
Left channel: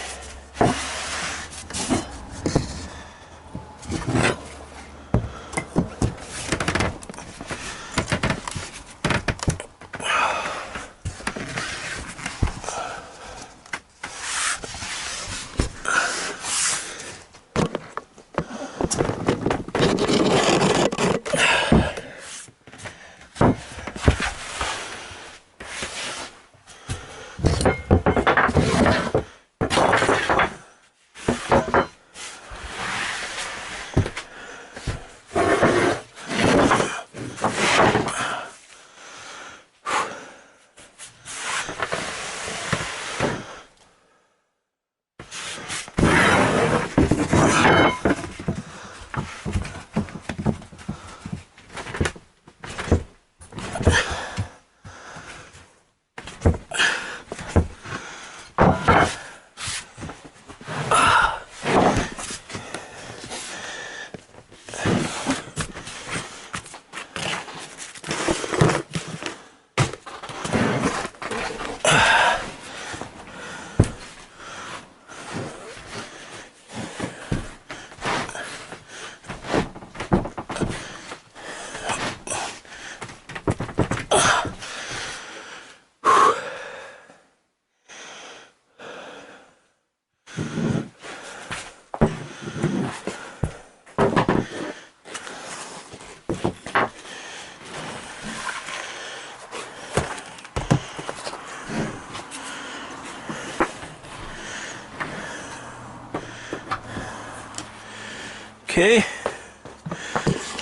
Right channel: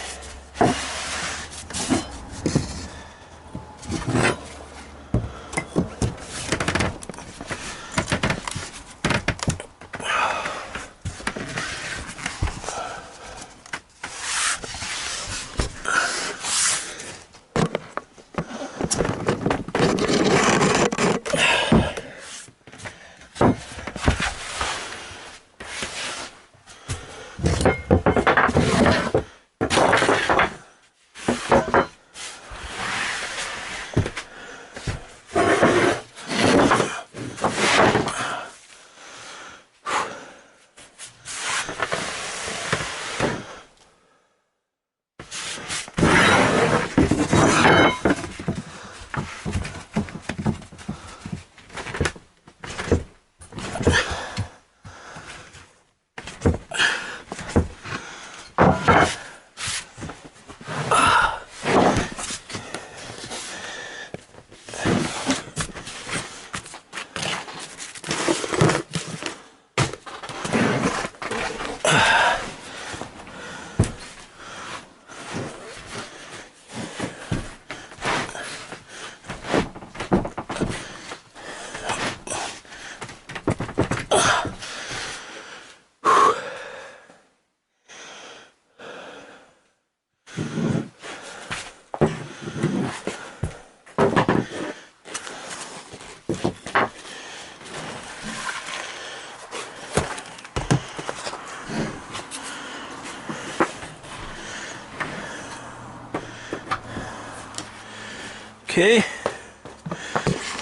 Okay,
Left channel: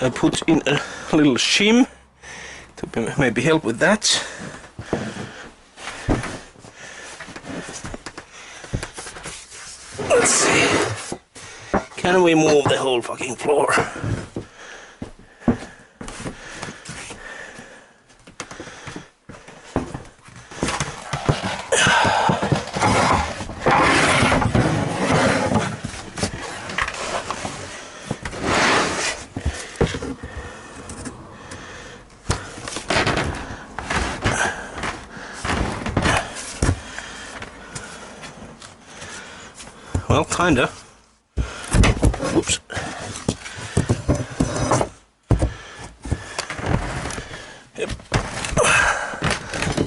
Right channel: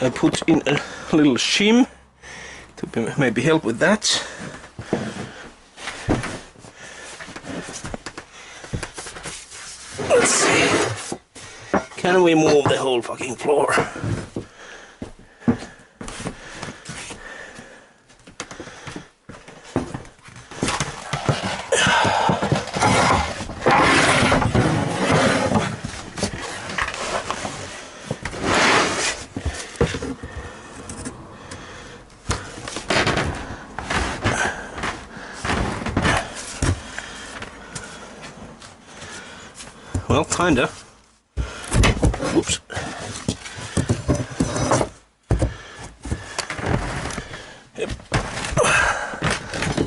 I put in a little shim to maybe help with that. Let's see, can we move the whole fucking floor? Well, kinda. Whoops. Yep.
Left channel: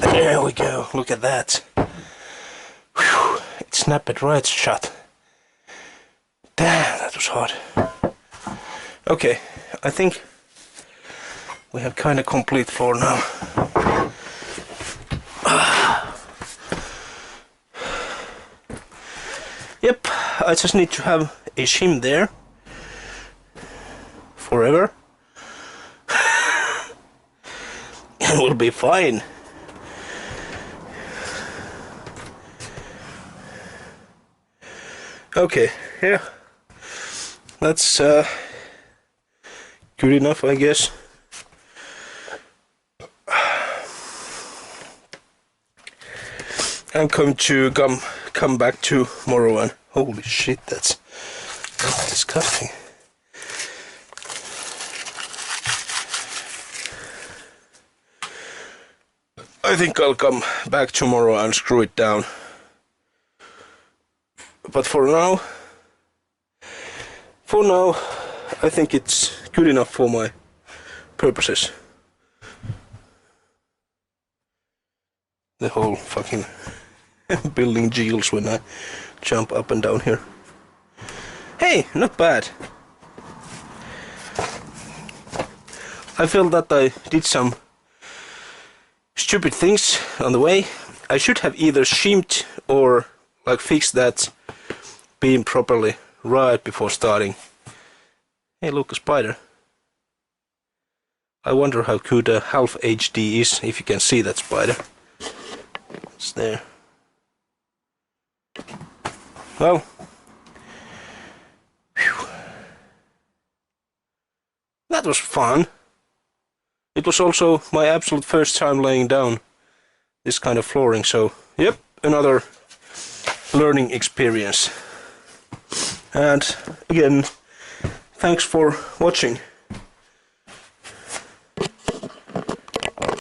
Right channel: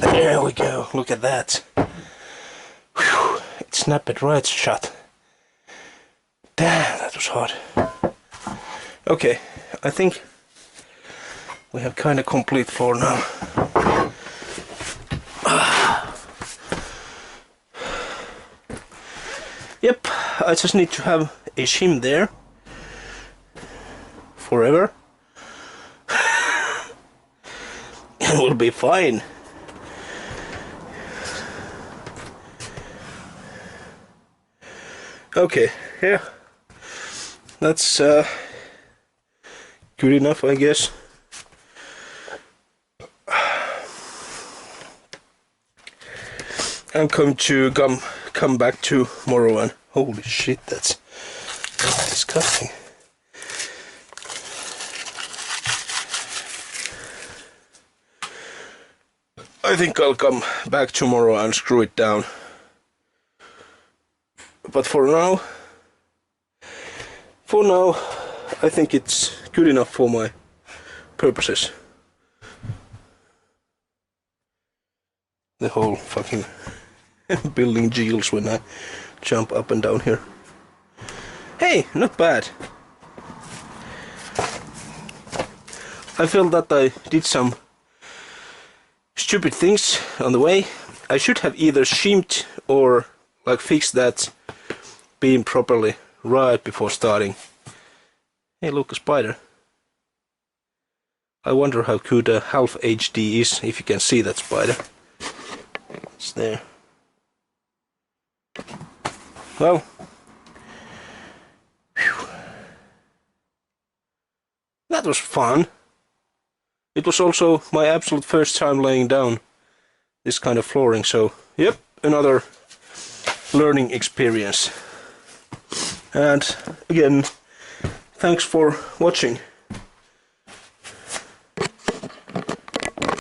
There we go. Look at that. Whew. It snapped right shut. Damn, that was hard. Okay, I think we have kinda complete floor now. Yep, I just need to have a shim there forever and we'll be fine. Okay, yeah, that's good enough, I guess. I'm going to come back tomorrow and holy shit, that's disgusting. I think I'll come back tomorrow and screw it down. But for now, I think it's good enough for my purposes. The whole fucking building jiggles when I jump up and down here. Hey, not bad. I feel that I did some stupid things on the way. I should have either shimmed or like fixed that beam properly right before starting. Hey, look, a spider. I wonder how good a half HD is, if you can see that spider. It's there. Well, whew, that was fun. It was also my absolute first time laying down this kind of flooring, so yep, another learning experience. And again, thanks for watching.